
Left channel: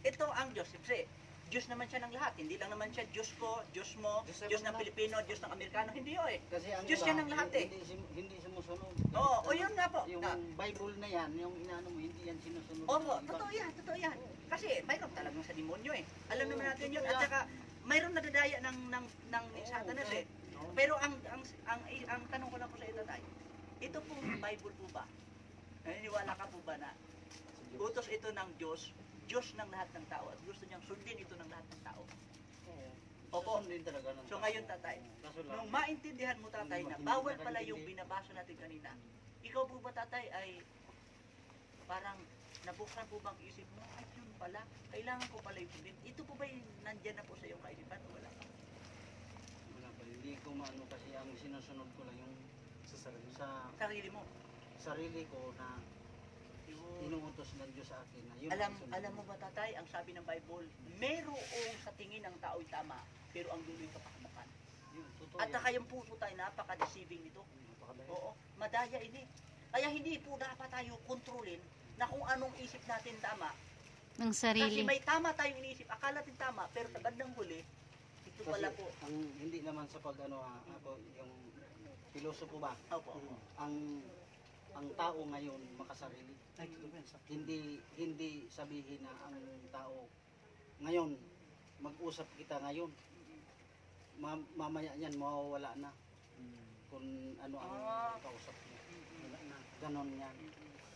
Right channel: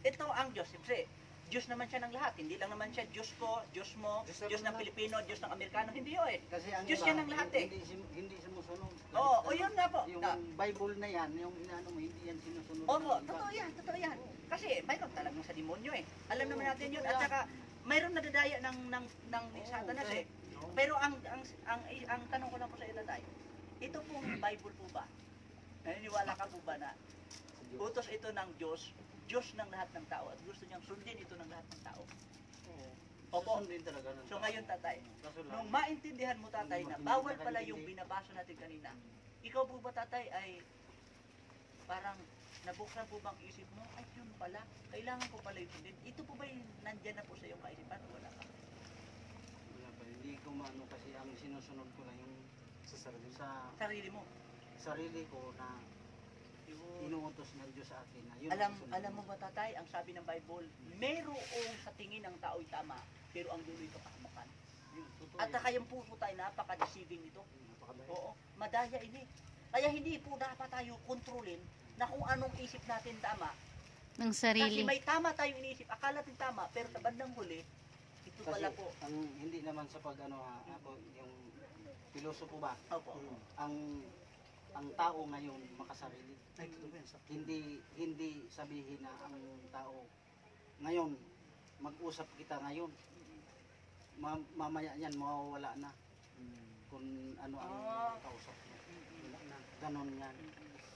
Ito ang Diyos, siyempre, Diyos naman siya ng lahat. Hindi lang naman siya Diyos ko, Diyos mo, Diyos ng Pilipino, Diyos ng Amerikano. Hindi yun eh. Kasi ang Diyos iba, yan ng lahat eh. Hindi sumusunod. Oo, o yun nga po. Yung Bible na yan, yung inaano mo, hindi yan sinusunod. Opo, ng iba. totoo yan. Kasi mayroon talagang sa demonyo eh. Alam naman natin yun. At saka, mayroon nadadaya ng Satanas eh. Pero ang tanong ko lang po sa ito tayo, ito pong Bible po ba? Naniniwala ka po ba na utos ito ng Diyos, Diyos ng lahat ng tao, at gusto niyang sundin ito ng lahat ng tao? Opo. Susundin talaga ng So ngayon tatay, Kaso lang, nung maintindihan mo tatay na bawal pala yung binabasa natin kanina, ikaw po ba tatay ay parang nabuksan po bang isip mo, ay yun pala, kailangan ko pala yung sundin. Ito po ba yung nandyan na po sa iyong kaisipan o wala ka? wala pa. Hindi ko maano kasi ang sinusunod ko lang yung sa Sarili mo. sarili ko na inuutos ng Diyos sa akin na yun ang sunod Alam mo ba tatay, ang sabi ng Bible, mayroong sa tingin ng tao'y tama, pero ang dulo'y kapahamakan. Yun, totoo At yan. saka yung puso tayo, napaka-deceiving nito. Napakadaya. Oo, madaya ini. Kaya hindi po dapat tayo kontrolin na kung anong isip natin tama. Ng Kasi sarili. may tama tayong iniisip, akala natin tama, pero sa bandang huli, ito Kasi pala po. ang hindi naman sa ako yung pilosopo ba? Opo. Ang tao ngayon makasarili. Ay, totoo yan, sa- Hindi sabihin na ang tao ngayon mag-usap kita ngayon. Mamaya niyan mawawala na kung ano ang kausap mo. Ganon yan.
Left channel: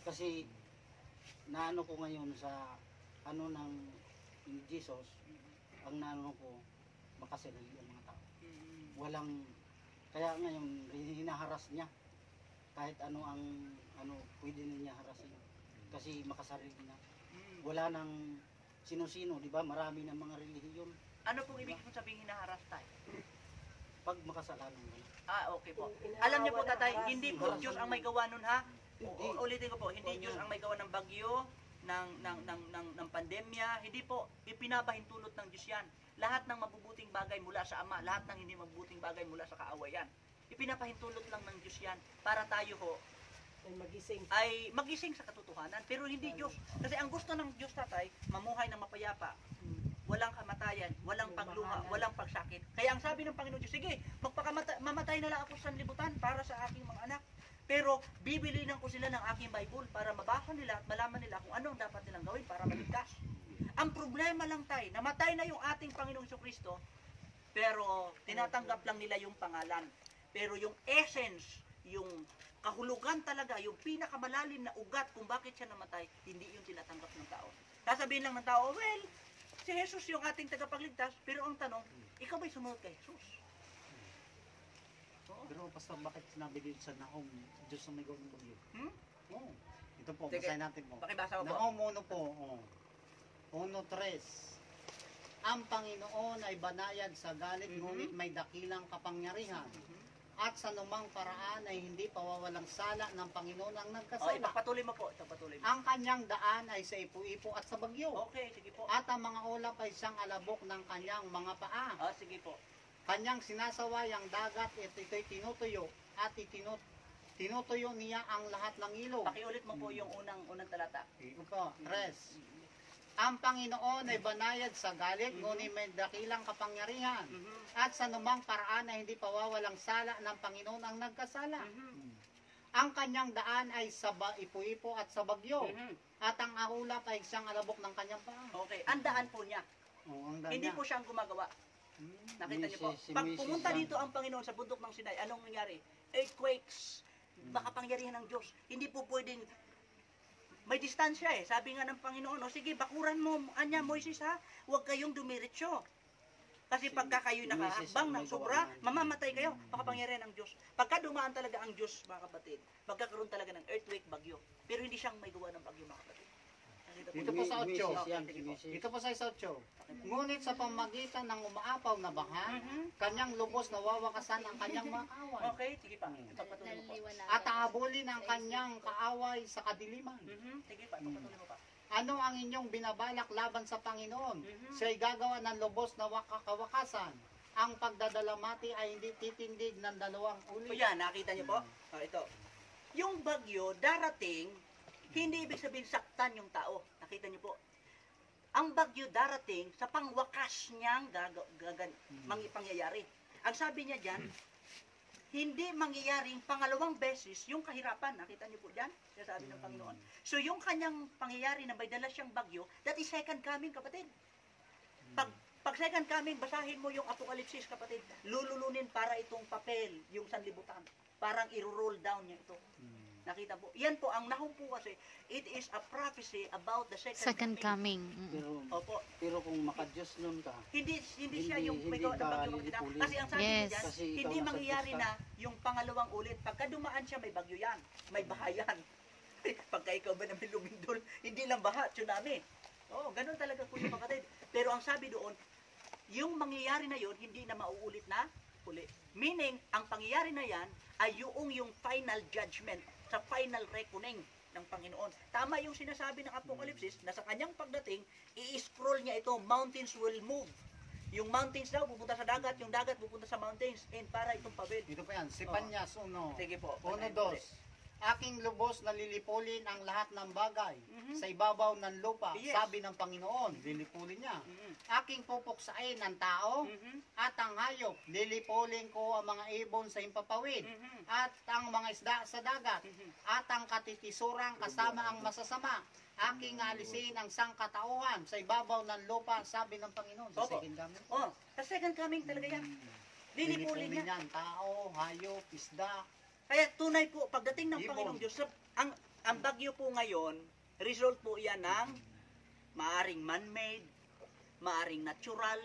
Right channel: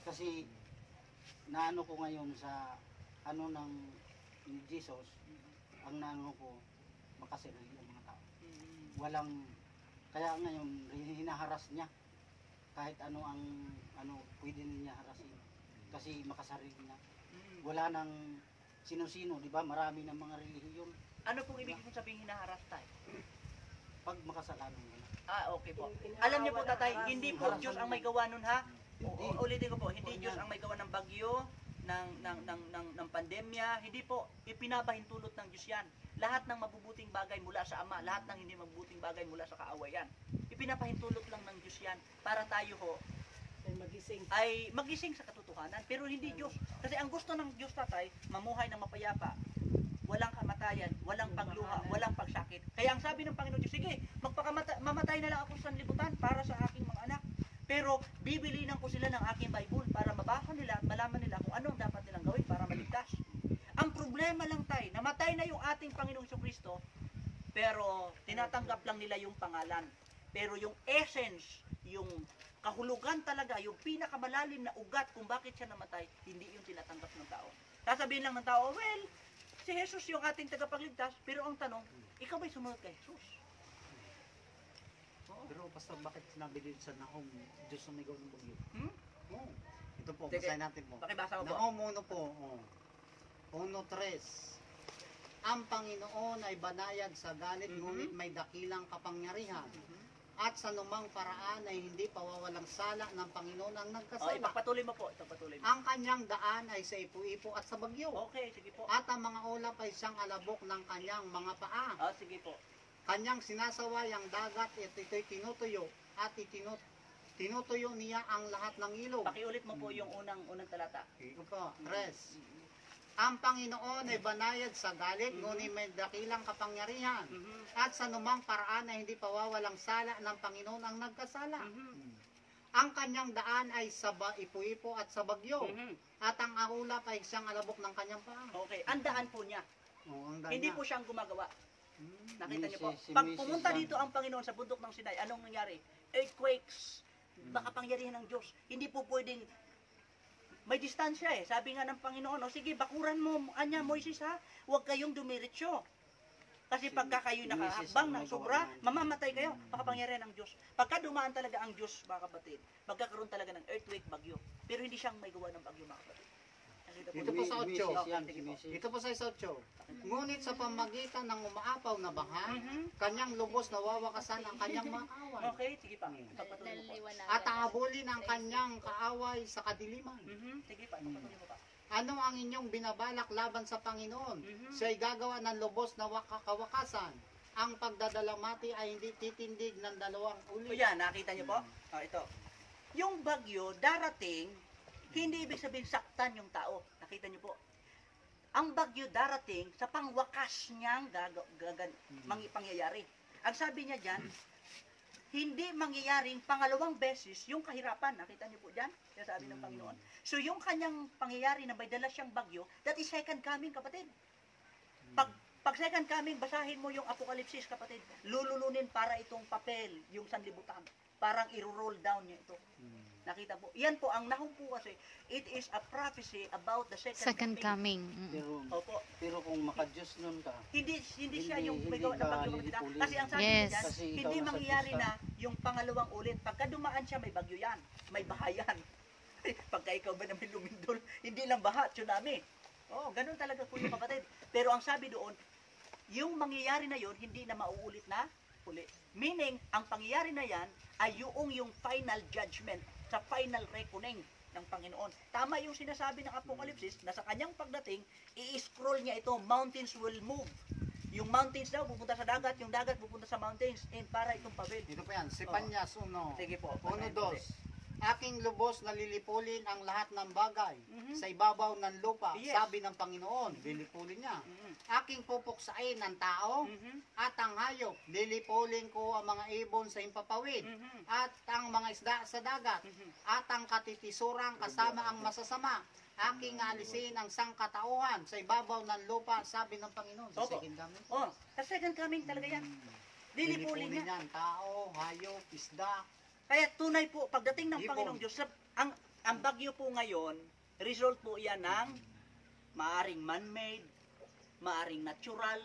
Kasi naano ko ngayon sa ano ng ni Jesus, ang naano ko makasarili ang mga tao. Walang kaya ngayon hinaharas niya kahit ano ang pwede niya harasin kasi makasarili niya. Wala nang sino-sino, di ba? Marami ng mga relihiyon Ano pong ibig mong sabihin hinaharas tayo? pag makasalanan ka na. Okay po. Alam niyo po tatay, hindi po Diyos ang may gawa nun ha. Ulitin ko po, hindi Diyos ang may gawa ng bagyo, ng pandemya, hindi po ipinabahintulot ng Diyos yan. Lahat ng mabubuting bagay mula sa Ama, lahat ng hindi mabubuting bagay mula sa kaawayan. Ipinapahintulot lang ng Diyos yan para tayo ho ay magising sa katotohanan, pero hindi Diyos. Kasi ang gusto ng Diyos, tatay, mamuhay ng mapayapa, walang kamatayan, walang pagluha, walang pagsakit. Kaya ang sabi ng Panginoon Diyos, sige, mamatay na lang ako sa sanlibutan para sa aking mga anak. Pero bibilinan ko sila ng aking Bible para mabasa nila at malaman nila kung ano ang dapat nilang gawin para maligtas. Ang problema lang tayo, namatay na yung ating Panginoong Kristo, pero tinatanggap lang nila yung pangalan. Pero yung essence, yung kahulugan talaga, yung pinakamalalim na ugat kung bakit siya namatay, hindi yung tinatanggap ng tao. Sasabihin lang ng tao, well, si Jesus yung ating tagapagligtas, pero ang tanong, ikaw ba'y sumunod kay Jesus? Pero pastor, bakit sinabi dito sa Nahum, Diyos ang may gawin ng bagyo? Hmm? Oh. Ito po, Sige. basahin natin po. Pakibasa mo po. Nahum 1 po. Oh. 1:3. Ang Panginoon ay banayad sa galit, ngunit may dakilang kapangyarihan. At sa numang paraan ay hindi pawawalang sala ng Panginoon ang nagkasala. Ipagpatuloy mo po, ipagpatuloy mo. Ang kanyang daan ay sa ipu-ipo at sa bagyo. Okay, sige po. At ang mga ulap ay siyang alabok ng kanyang mga paa. Sige po. Kanyang sinasaway ang dagat at ito'y tinutuyo at tinutuyo niya ang lahat ng ilog. Pakiulit mo po yung unang talata. Ito po, 3. Ang Panginoon ay banayad sa galit, ngunit may dakilang kapangyarihan. At sa numang paraan ay hindi pawawalang sala ng Panginoon ang nagkasala. Ang kanyang daan ay sa ipu-ipo at sa bagyo. At ang ulap ay siyang alabok ng kanyang paa. Okay, ang daan po niya. Ang daan Hindi niya. po siyang gumagawa. Nakita niyo po. Si Pag Mrs. pumunta Lang. dito ang Panginoon sa bundok ng Sinai, anong nangyari? Earthquakes. Makapangyarihan ng Diyos. Hindi po pwedeng may distansya eh. Sabi nga ng Panginoon, sige, bakuran mo, anya Moises ha, huwag kayong dumiretso. Kasi pagka kayo nakahakbang ng sobra, mamamatay kayo. Makapangyarihan ng Diyos. Pagka dumaan talaga ang Diyos, mga kapatid, magkakaroon talaga ng earthquake, bagyo. Pero hindi siyang may gawa ng bagyo, mga kapatid. Nakita Dito po sa 8. Mrs. yan, Sige po. Mrs. Ito po sa 8. Ngunit sa pamagitan ng umaapaw na baha, kanyang lubos nawawakasan ang kanyang mga kaaway. Okay, sige pa. Ipagpatuloy mo po. At aabulin ang kanyang kaaway sa kadiliman. Sige pa, ipagpatuloy mo pa. Ano ang inyong binabalak laban sa Panginoon? Siya'y gagawa ng lubos na kawakasan. Ang pagdadalamati ay hindi titindig ng dalawang O ulit. yan, nakita niyo po? Ito. Yung bagyo darating, hindi ibig sabihin saktan yung tao. Nakita niyo po? Ang bagyo darating sa pangwakas niyang pangyayari. Ang sabi niya dyan, hindi mangyayaring pangalawang beses yung kahirapan. Nakita niyo po dyan? Yung sabi ng Panginoon. So yung kanyang pangyayari na may dala siyang bagyo, that is second coming, kapatid. Pag second coming, basahin mo yung Apokalipsis, kapatid. Lululunin para itong papel, yung sanlibutan. Parang i-roll down niya ito. Nakita po. Yan po, ang Nahum po kasi, it is a prophecy about the Second coming. Opo. Pero kung makadiyos nun ka, Hindi siya Hindi- yung may hindi gawa ng ka bagyo, kapatid. lilipulin. Kasi ang sabi Yes. niya dyan, Kasi ikaw hindi nasa mangyayari Diyos na yung pangalawang ulit. Pagka dumaan siya, may bagyo yan. May baha yan. Pagka ikaw ba namin lumindol, hindi lang baha, tsunami. Ganun talaga po yung kapatid. Pero ang sabi doon, yung mangyayari na yon hindi na mauulit na uli. Meaning, ang pangyayari na yan ay yung final judgment, sa final reckoning ng Panginoon. Tama yung sinasabi ng Apokalipsis na sa kanyang pagdating, i-scroll niya ito, mountains will move. Yung mountains daw pupunta sa dagat, yung dagat pupunta sa mountains, and para itong pavel. Dito po yan, si Panyas 1. Sige po. 1-2. Aking lubos na lilipulin ang lahat ng bagay sa ibabaw ng lupa, Yes. sabi ng Panginoon, lilipulin niya. Aking pupuksain ang tao at ang hayop, lilipulin ko ang mga ibon sa impapawid at ang mga isda sa dagat at ang katitisurang kasama ang masasama. Aking alisin ang sangkatauhan sa ibabaw ng lupa, sabi ng Panginoon. Sa Opo. second coming. Sa second coming talaga yan. Lilipulin niya. yan, tao, hayop, isda. Kaya tunay po, pagdating ng Ibon. Panginoong Diyos, ang bagyo po ngayon, result po yan ng maaring man-made, maaring natural,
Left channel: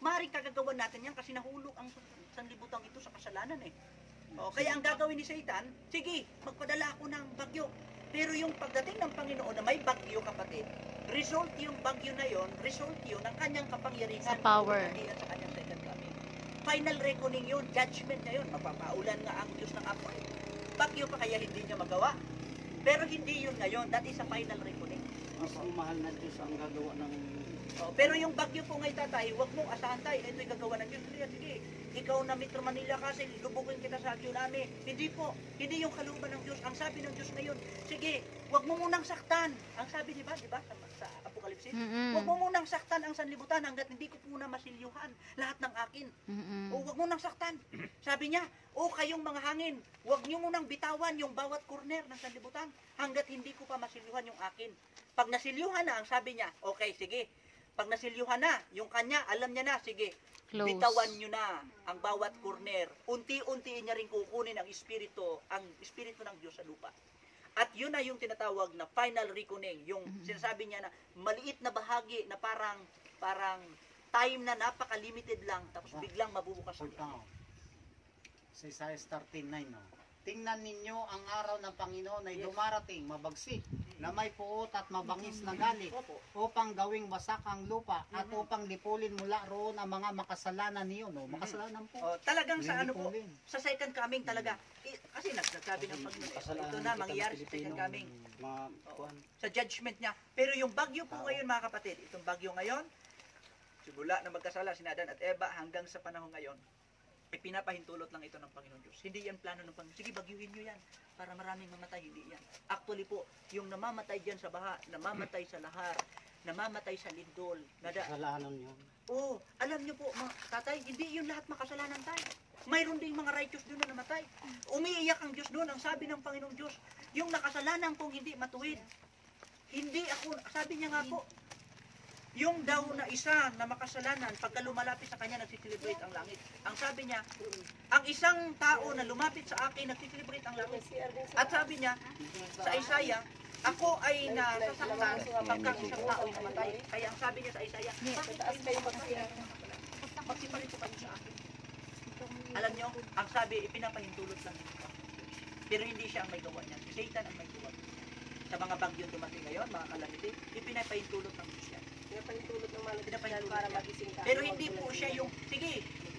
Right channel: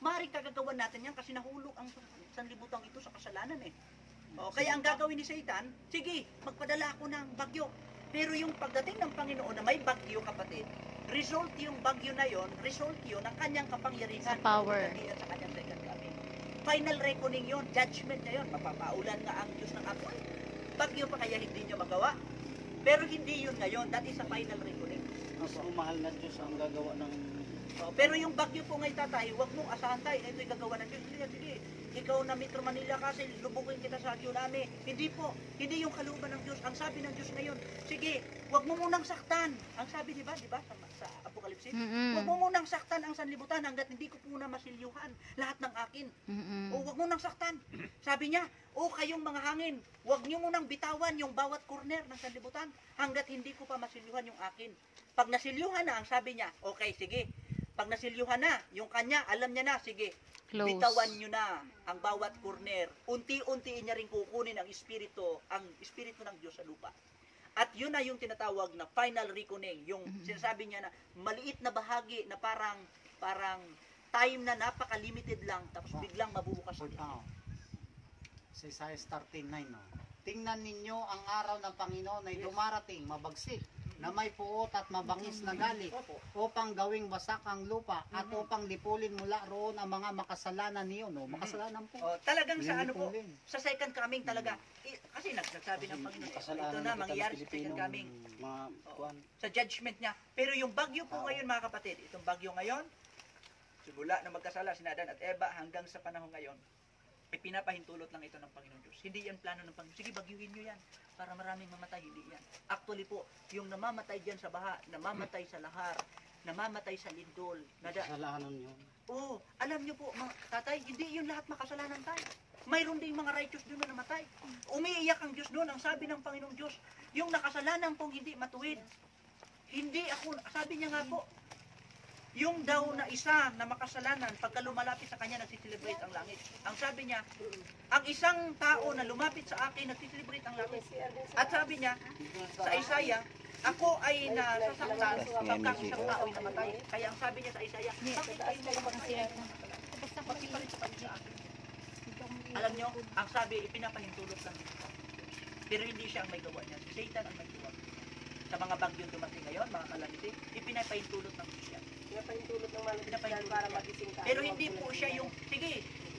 maaring kagagawan natin yan kasi nahulog ang sanlibutan ito sa kasalanan eh. Kaya ang gagawin ni Satan, sige, magpadala ako ng bagyo. Pero yung pagdating ng Panginoon na may bagyo, kapatid, result yung bagyo na yon, result yun ng kanyang kapangyarihan. Sa power. At sa kanyang second coming. Final reckoning yun, judgment na yun, mapapaulan nga ang Diyos ng apoy. Bagyo pa kaya hindi nyo magawa. Pero hindi yun ngayon, that is a final reckoning. mas umahal na Diyos ang gagawa ng Pero yung bagyo po ngayon, tatay, huwag mong asahan tayo, ito'y gagawa ng Diyos. Sige, ikaw na Metro Manila kasi lubugin kita sa tsunami. Hindi po, hindi yung kalooban ng Diyos. Ang sabi ng Diyos ngayon, sige, wag mo munang saktan. Ang sabi di ba sa Apokalipsis? Wag mo munang saktan ang sanlibutan hanggat hindi ko po na masilyuhan lahat ng akin. O wag mo nang saktan. Sabi niya, o kayong mga hangin, wag niyo munang bitawan yung bawat corner ng sanlibutan hanggat hindi ko pa masilyuhan yung akin. Pag nasilyuhan na, ang sabi niya, okay, sige. Pag nasilyuhan na, yung kanya, alam niya na, sige, Close. bitawan niyo na ang bawat corner. Unti-untiin niya rin kukunin ang espiritu ng Diyos sa lupa. At yun na yung tinatawag na final reckoning, yung sinasabi niya na maliit na bahagi na parang time na napaka-limited lang, tapos biglang mabubukas ang Ah. langit. Sa Isaiah 13:9, no? Tingnan ninyo ang araw ng Panginoon ay dumarating, mabagsik, na may puot at mabangis na galit, upang gawing wasak ang lupa, at upang lipulin mula roon ang mga makasalanan niyo, no? Makasalanan po. Talagang sa ano po, sa second coming talaga. Kasi nagsasabi ng Panginoon, ito na, mangyayari sa second coming. Mga kuan. Sa judgment niya. Pero yung bagyo po ngayon, mga kapatid, itong bagyo ngayon, simula na magkasala si Adan at Eva hanggang sa panahon ngayon, ipinapahintulot lang ito ng Panginoon Diyos. Hindi yan plano ng Panginoon. Sige, bagyuhin nyo yan para maraming mamatay. Hindi yan. Actually po, yung namamatay dyan sa baha, namamatay sa lahar, namamatay sa lindol. Kasalanan yun. Oo, alam nyo po, mga tatay, hindi yun lahat makasalanan tayo. Mayroon ding mga righteous doon na namatay. Umiiyak ang Diyos doon. Ang sabi ng Panginoong Diyos, yung nakasalanan kong hindi matuwid. Hindi ako, sabi niya nga po, yung daw na isa na makasalanan, pagka lumalapit sa kanya, nagsiselebrate ang langit. Ang sabi niya, ang isang tao na lumapit sa akin, nagsiselebrate ang langit. At sabi niya, sa Isaiah, ako ay nasasaktan pagka isang tao ay namatay. Kaya ang sabi niya sa Isaiah, bakit kayo mamatay? Magsiparito kayo sa akin. Alam niyo, ang sabi, ipinapahintulot lang dito. Pero hindi siya ang may gawa niyan. Si Satan ang may gawa. Sa mga bagyong dumating ngayon, mga calamity, ipinapahintulot ng Diyos yan. Pinapahintulot ng mga Pinapahintulot para yan. magising ka. Pero hindi po siya yung, sige,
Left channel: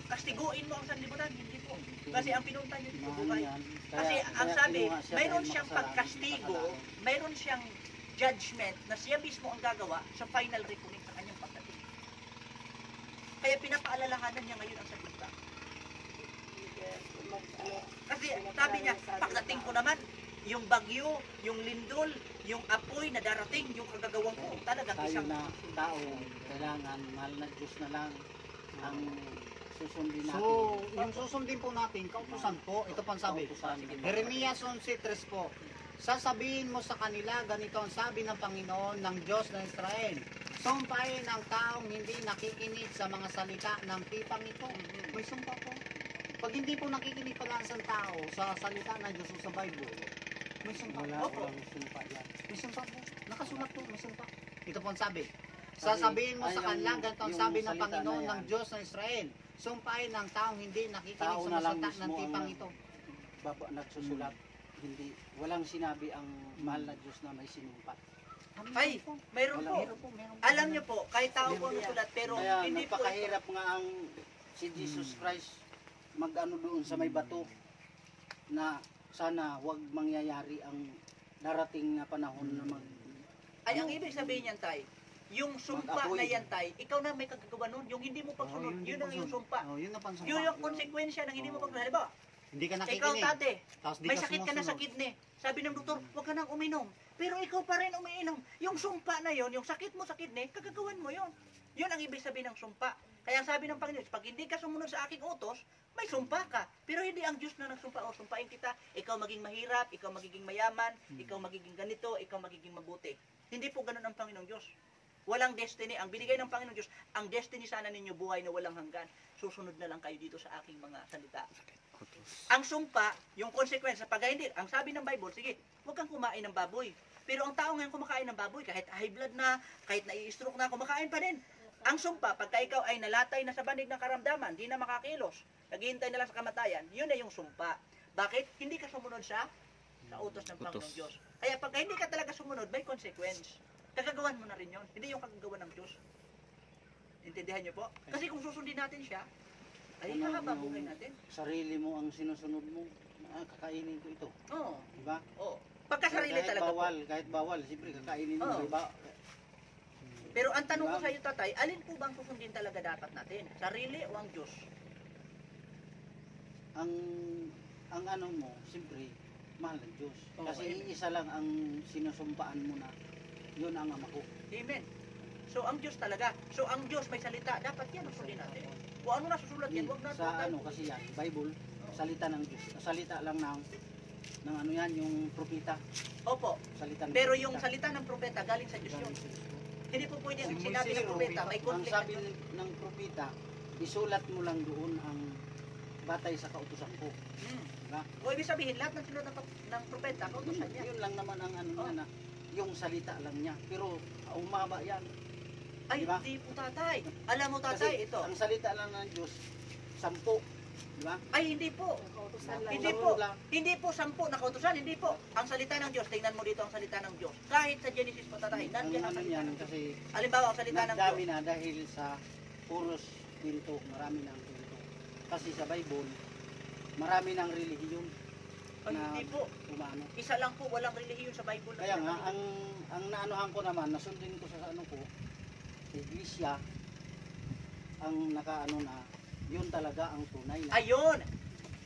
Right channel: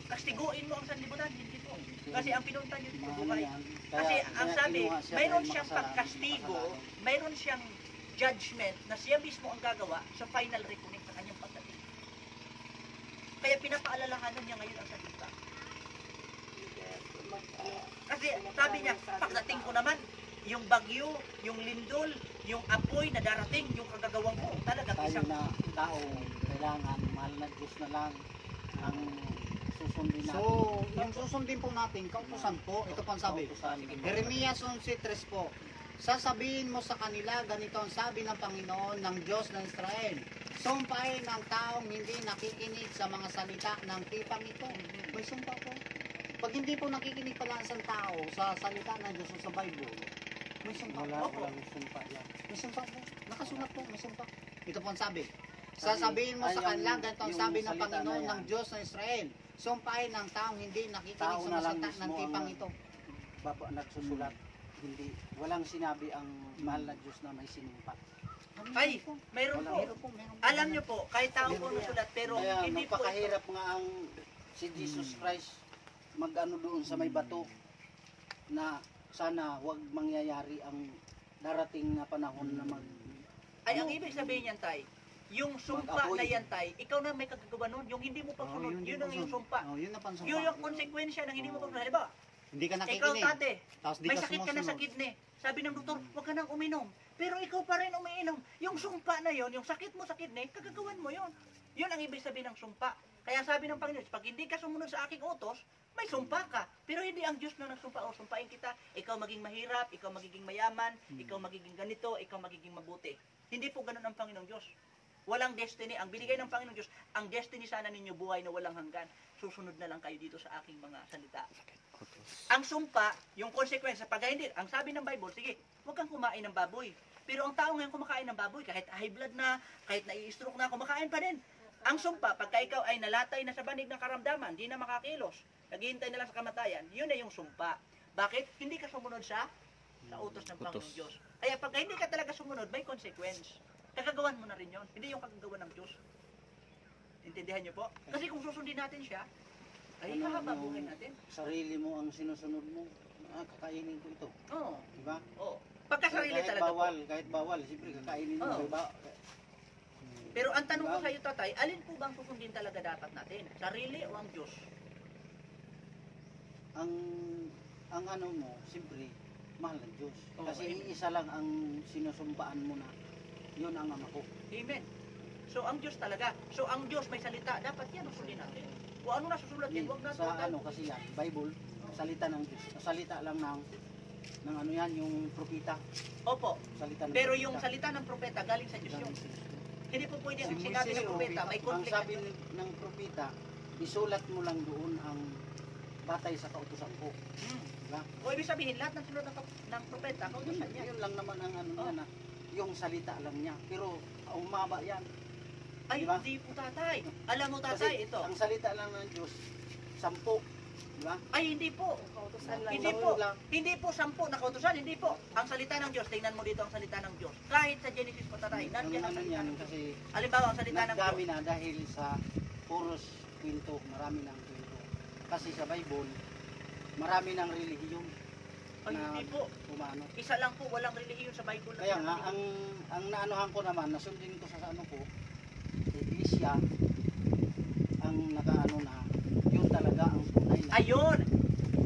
kastiguin mo ang sanlibutan. Hindi po. Kasi ang pinunta niyo dito buhay. Kasi ang sabi, mayroon siyang pagkastigo, mayroon siyang judgment na siya mismo ang gagawa sa final reckoning sa kanyang pagdating. Kaya pinapaalalahanan niya ngayon ang salita. Kasi sabi niya, pagdating ko naman, yung bagyo, yung lindol, yung apoy na darating, yung kagagawang ko, talagang Tayo isang na tao, kailangan mahal na Diyos na lang ang susundin natin. So, yung susundin po natin, kautusan po, ito pang sabi. Jeremias 11:3 po. Sasabihin mo sa kanila, ganito ang sabi ng Panginoon ng Diyos ng Israel. Sumpain ang taong hindi nakikinig sa mga salita ng tipang ito. May sumpa po. Pag hindi po nakikinig pala ang tao sa salita ng Diyos o sa Bible, may sumpa. Opo. Walang sumpa yan. May sumpa po. Nakasulat po, may sumpa. Ito po ang sabi. Sasabihin mo sa kanila, ganito ang sabi ng Panginoon ng Diyos ng Israel. Sumpain ang taong hindi nakikinig Tao sa na mga lang salita ng mismo tipang ang ito. Baba nagsusulat. Hindi, walang sinabi ang mahal na Diyos na may sinumpa. Ay, mayroon po. Walang- Meron po. Alam niyo po, kahit tao po nasulat, pero Kaya hindi po ito. napakahirap nga ang si Jesus Christ mag-ano doon sa may bato na sana wag mangyayari ang darating na panahon na mag Ay, ang ibig sabihin niyan, tay, yung sumpa Mag-apoy. na yan, tay, ikaw na may kagagawa nun, yung hindi mo pagsunod, yun ang yung sumpa. Oh, yun ang pansumpa. Oh. Yun yung konsekwensya ng hindi mo pagsunod. Halimbawa, hindi ka ikaw nakikinig. tate, Tapos di may ka sakit ka na sa sumusunod. kidney. Sabi ng doktor, huwag ka nang uminom. Pero ikaw pa rin umiinom. Yung sumpa na yon, yung sakit mo sa kidney, kagagawan mo yon. Yun ang ibig sabihin ng sumpa. Kaya sabi ng Panginoon, pag hindi ka sumunod sa aking utos, may sumpa ka. Pero hindi ang Diyos na nagsumpa o sumpain kita. Ikaw maging mahirap, ikaw magiging mayaman, ikaw magiging ganito, ikaw magiging mabuti. Hindi po ganun ang Panginoong Diyos. Walang destiny. Ang binigay ng Panginoong Diyos, ang destiny sana ninyo buhay na walang hanggan. Susunod na lang kayo dito sa aking mga salita. Ang sumpa, yung consequence, pag hindi, ang sabi ng Bible, sige, huwag kang kumain ng baboy. Pero ang tao ngayon kumakain ng baboy, kahit high blood na, kahit nai-stroke na, kumakain pa din. Ang sumpa, pagka ikaw ay nalatay na sa banig ng karamdaman, di na makakilos, naghihintay na lang sa kamatayan, yun na yung sumpa. Bakit? Hindi ka sumunod sa utos ng Panginoong Diyos. Kaya pagka hindi ka talaga sumunod, may consequence. Kagagawan mo na rin yun. Hindi yung kagagawan ng Diyos. Intindihan niyo po? Kasi kung susundin natin siya, ay mahaba buhay natin. Sarili mo ang sinusunod mo. Kakainin ko ito. Oo. Diba? Oo. Pagkasarili kahit talaga bawal, po. kahit bawal, siyempre kakainin mo. Oo. Diba? Pero ang tanong ko sa iyo, tatay, alin po bang susundin talaga dapat natin? Sarili o ang Diyos? ang ano mo, siyempre, mahal ng Diyos. Oo, Kasi amen. iisa lang ang sinusumpaan mo na, yun ang ama ko. Amen. So ang Diyos talaga. So ang Diyos may salita, dapat yan ang sundin natin. Kung ano nasusulat yan, huwag natin. Sa ano kasi yan, Bible, salita ng Diyos. Salita lang ng ano yan, yung propeta. Opo. Salita ng Pero propeta. yung salita ng propeta galing sa Diyos yun. Hindi po pwede ang Si sinabi Moises, ng propeta. May ang conflict. sabi ng propeta, isulat mo lang doon ang batay sa kautusan ko. Diba? O ibig sabihin, lahat ng sinulat ng propeta, kautusan niya. Yun lang naman ang ano niya na, yung salita lang niya. Pero umaba yan. Ay, Diba? hindi po tatay. Alam mo Kasi tatay, ito. ang salita lang ng Diyos, 10. Diba? Ay, hindi po. Hindi Sampu po. lang. Hindi po 10 na kautusan, hindi po. Ang salita ng Diyos, tingnan mo dito ang salita ng Diyos. Kahit sa Genesis po tatay, Ang nandiyan ang ano salita yan, ng Diyos. kasi Halimbawa, ang salita ng Diyos. nagdami na dahil sa puros kwento, marami ng kwento. Kasi sa Bible, marami ng relihiyon Ay, na hindi po. umano. Isa lang po, walang relihiyon sa Bible. na Kaya nga, pinapakita. ang naanuhan ko naman, nasundin ko sa ano ko, iglesia, ang nakaano na, yun talaga ang tunay na. Ayun!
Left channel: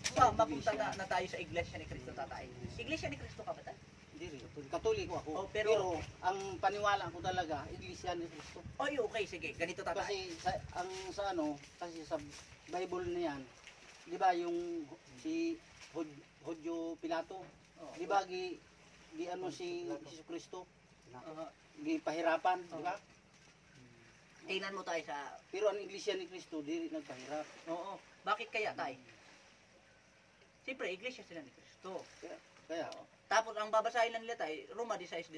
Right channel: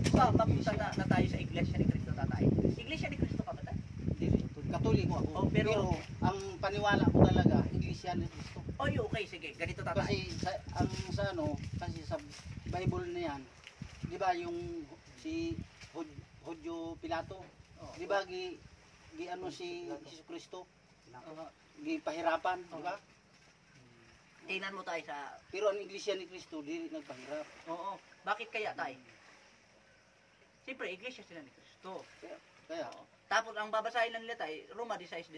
So, mapunta Iglesia. na tayo sa Iglesia ni Cristo tatay. Iglesia ni Cristo ka ba tayo? Katoliko ako. Oh, pero, pero- ang paniwala ko talaga, iglesia ni Cristo. Oy, okay, sige. Ganito tatay. Kasi sa ano, kasi sa Bible na yan, di ba yung si Hodyo Pilato, Oh. di ba gi ano si Jesus Cristo, gi pahirapan, di ba? Tingnan mo tayo sa... Pero ang iglesia ni Cristo, di nagpahirap. Oo. Bakit kaya tayo? Siyempre, Iglesia sila ni Cristo. Kaya, Tapos ang babasahin lang nila tayo, Roma 16:16.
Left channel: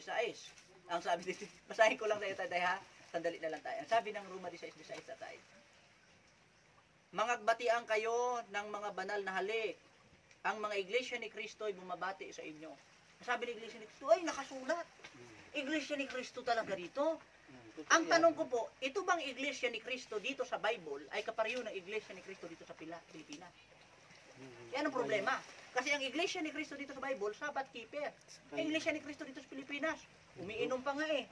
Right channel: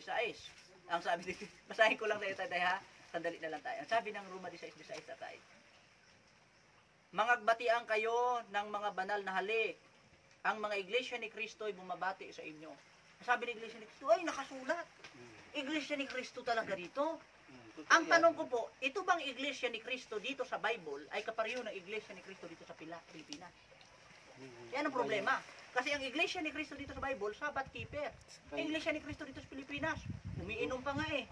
Ang sabi dito, basahin ko lang tayo tatay ha. Sandali na lang tayo. Ang sabi ng Roma 16:16 tatay. Mangagbatian kayo ng mga banal na halik. Ang mga iglesia ni Kristo ay bumabati sa inyo. Sabi ng iglesia ni Kristo, ay nakasulat. Iglesia ni Kristo talaga dito. Ang tanong ko po, ito bang iglesia ni Kristo dito sa Bible ay kapareho ng iglesia ni Kristo dito sa Pilipinas? Yan ang problema. Kasi ang iglesia ni Kristo dito sa Bible, Sabbath keeper. Ang iglesia ni Kristo dito sa Pilipinas, umiinom pa nga eh.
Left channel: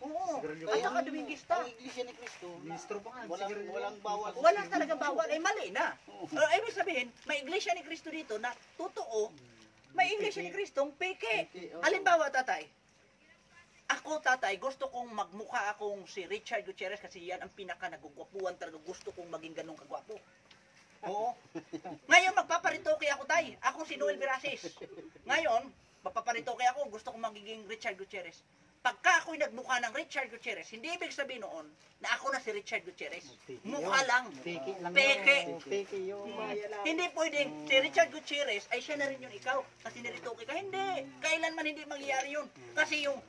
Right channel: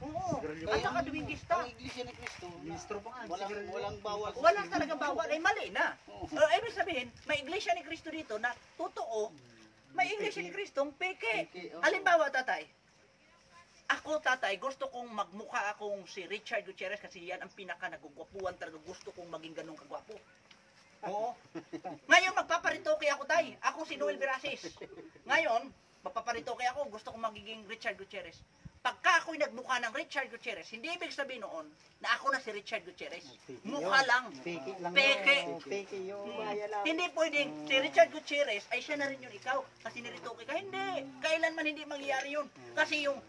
Oo. At saka Adventista. ang iglesia ni Cristo, ministro pa nga, walang bawal. Wala talaga bawal. Ay mali na. Oo. Ibig sabihin, may iglesia ni Kristo dito na totoo, may iglesia ni Kristong peke. Peke, oo. Halimbawa, tatay, ako, tatay, gusto kong magmukha akong si Richard Gutierrez kasi yan ang pinaka nagugwapuan talaga. Gusto kong maging ganun kagwapo. Oo. Ngayon, magpaparitoke ako, tay. Ako si Noel Veraces. Ngayon, magpaparitoke ako. Gusto kong magiging Richard Gutierrez. Pagka ako'y nagmukha ng Richard Gutierrez, hindi ibig sabihin noon na ako na si Richard Gutierrez. Mukha lang. Peke lang Peke. yun. Peke yun. Hindi pwedeng si Richard Gutierrez ay siya na rin yung ikaw kasi niritoke ka. Hindi. Kailanman hindi mangyayari yun. Kasi yung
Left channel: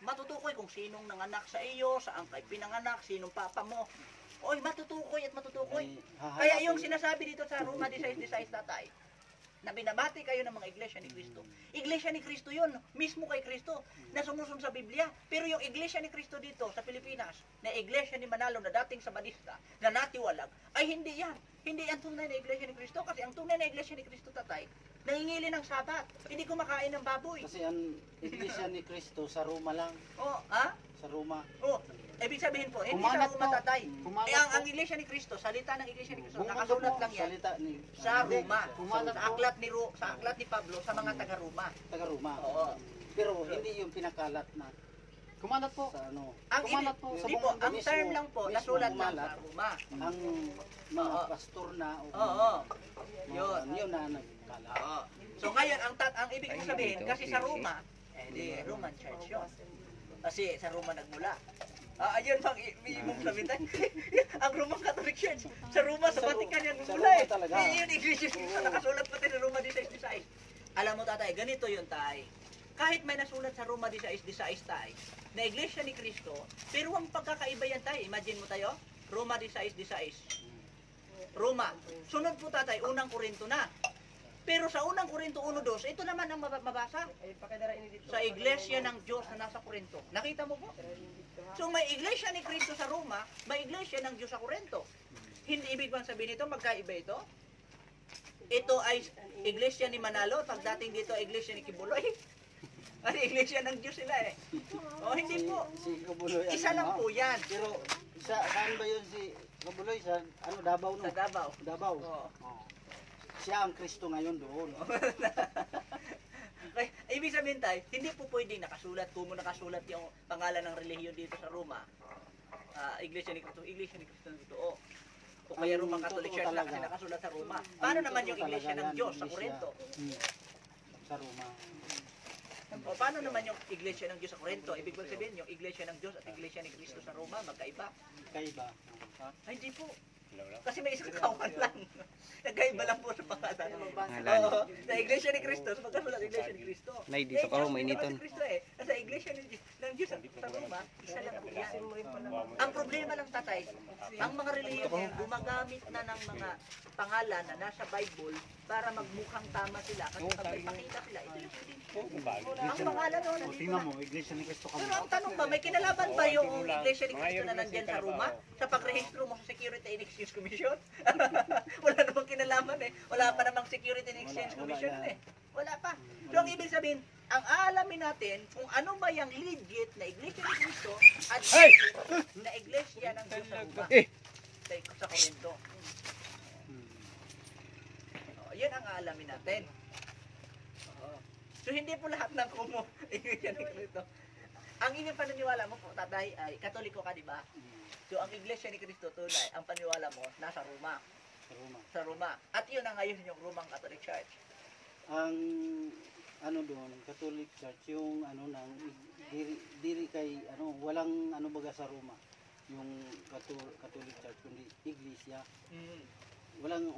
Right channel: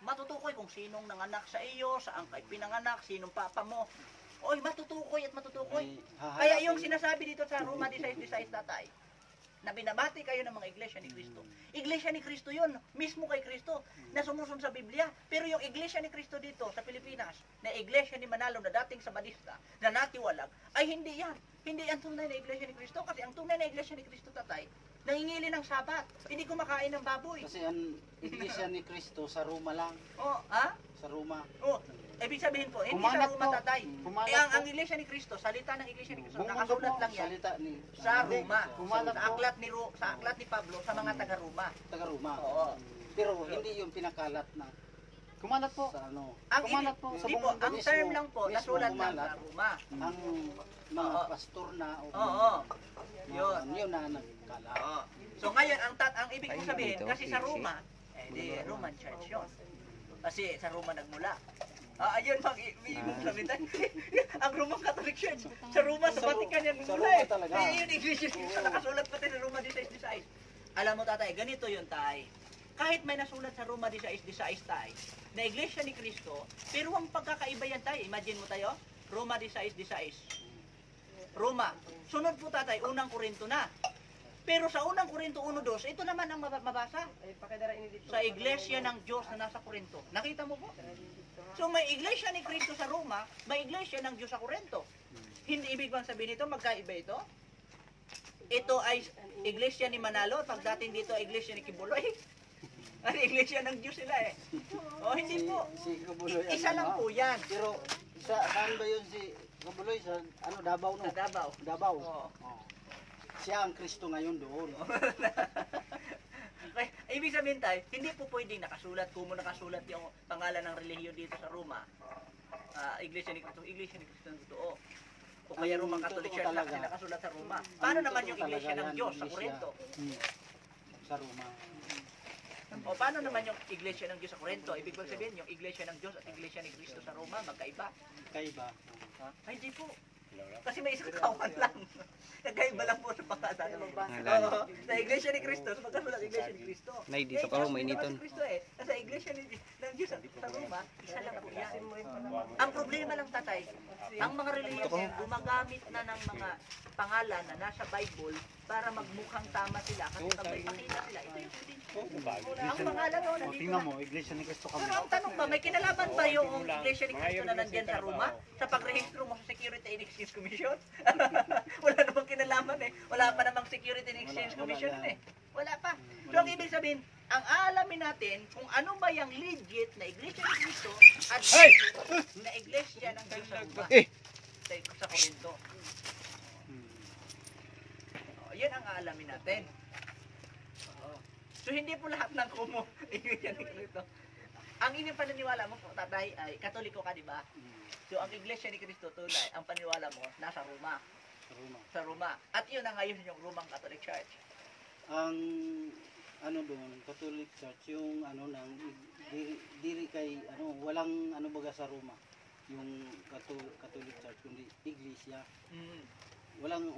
matutukoy kung sinong nanganak sa iyo, saan ka pinanganak, sinong papa mo. Oy, matutukoy at matutukoy. Kaya yung sinasabi dito sa Roma 16:16 tatay, na binabati kayo ng mga iglesia ni Kristo. Iglesia ni Kristo yun, mismo kay Kristo, na sumusunod sa Biblia. Pero yung iglesia ni Kristo dito sa Pilipinas, na iglesia ni Manalo na dating Sabadista, na natiwalag, ay hindi yan. Hindi yan tunay na iglesia ni Kristo. Kasi ang tunay na iglesia ni Kristo tatay, nangingili ng sabat. Hindi kumakain ng baboy. Kasi ang iglesia ni Cristo sa Roma lang, Oh, ha? sa Roma. Oh, ibig sabihin po, hindi Kumalat sa Roma po. tatay. Kumalat Eh, ang po. iglesia ni Kristo, salita ng iglesia ni Kristo, Buong mundo nakasulat po, lang yan Salita ni sa Roma. Kumalat Sa po. aklat sa aklat ni Pablo sa mga taga-Roma. taga Roma. Oo. Pero hindi yung pinakalat na Kumalat po. sa ano. Ang Kumalat po hindi sa po, buong mundo ang mismo- term lang po, mismo nasulat lang kumalat. sa Roma. Ang mga Oo. pastor na o Oo. yun. Yun. Yun na nagkalat. Oo. So ngayon, ang ibig ko sabihin, kasi sa Roma, di Roman Church yun. Kasi sa Roma nagmula. Ayun bang ibig sabihin tayo. Ang Roman Catholic Church. Sa Roma, sa Vatican yan sa nagmula Roma eh. talaga. Yung iglesia sa nakasulat pati ng Roma 16:16. Alam mo tatay, ganito yun tay. Kahit may nasulat sa Roma 16:16 tay, na iglesia ni Kristo, pero ang pagkakaiba yan tay, imagine mo tayo, Roma 16:16. Roma. Sunod po tatay, unang Korinto na. Pero sa unang Korinto 1:2, ito naman ang mabasa sa iglesia ng Diyos na nasa Korinto. Nakita mo po? So may iglesia ni Kristo sa Roma, may iglesia ng Diyos sa Korinto. Hindi ibig bang sabihin ito, magkaiba ito? Ito ay iglesia ni Manalo, pagdating dito iglesia ni Kibuloy. Ay, iglesia ng Diyos sila eh. O hindi po. Si Kabuloy. Isa lang po yan. Pero saan ba yun si Kabuloy? Sa ano, Davao no? Sa Davao. Davao. Oo. Oo. Siya ang Kristo ngayon doon. Okay, ibig sabihin tayo, hindi po pwedeng nakasulat, kung mo nakasulat yung pangalan ng relihiyon dito sa Roma, Iglesia ni Cristo ng totoo. O kaya Roman Ang Catholic totoo Church na talaga. kasi nakasulat sa Roma. Paano Ang naman totoo yung Iglesia talaga ng yan, Diyos sa Iglesia. Corinto? Sa Roma. O paano naman yung Iglesia ng Diyos sa Corinto? Ibig sabihin, yung Iglesia ng Diyos at Iglesia ni Cristo sa Roma, magkaiba. Kaiba. Ay, hindi po. Kasi may isang kawan lang. Nagkaiba lang po sa pangalan. Pangalan. Oo, sa Iglesia ni Cristo, sa magkasulat Iglesia ni Cristo. Nay, dito ka ho, mainiton. Si Cristo Sa Iglesia ng Diyos sa Roma, isa lang po yan. Ang problema lang, tatay, ang mga relihiyon gumagamit na ng mga pangalan na nasa Bible para magmukhang tama sila. Kasi pag may pakita sila, ito yung ang pangalan o nandito Tingnan na. mo, Iglesia ni Cristo kami. Pero ang tanong ba, may kinalaban ba yung Iglesia ni Cristo na nandyan sa Roma sa pagrehistro mo sa Security and Exchange Commission? Wala namang kinalaman eh. Wala pa namang Security and Exchange Commission eh. Wala pa. So ang ibig sabihin, ang aalamin natin kung ano ba yung legit na Iglesia ni Cristo at legit na Iglesia ng Diyos sa Roma. Sa Corinto. Yan ang aalamin natin. So hindi po lahat ng kumo Iglesia ni Cristo. Ang inyong paniniwala mo po, tatay, ay Katoliko ka, di ba? So ang Iglesia ni Cristo, tunay, ang paniniwala mo, nasa Roma. Sa Roma. Sa Roma. At yun ang ngayon yung Roman Catholic Church. Ang ano doon, Catholic Church, yung ano nang diri kay ano, walang ano baga sa Roma. Yung Catholic Church kundi Iglesia. Walang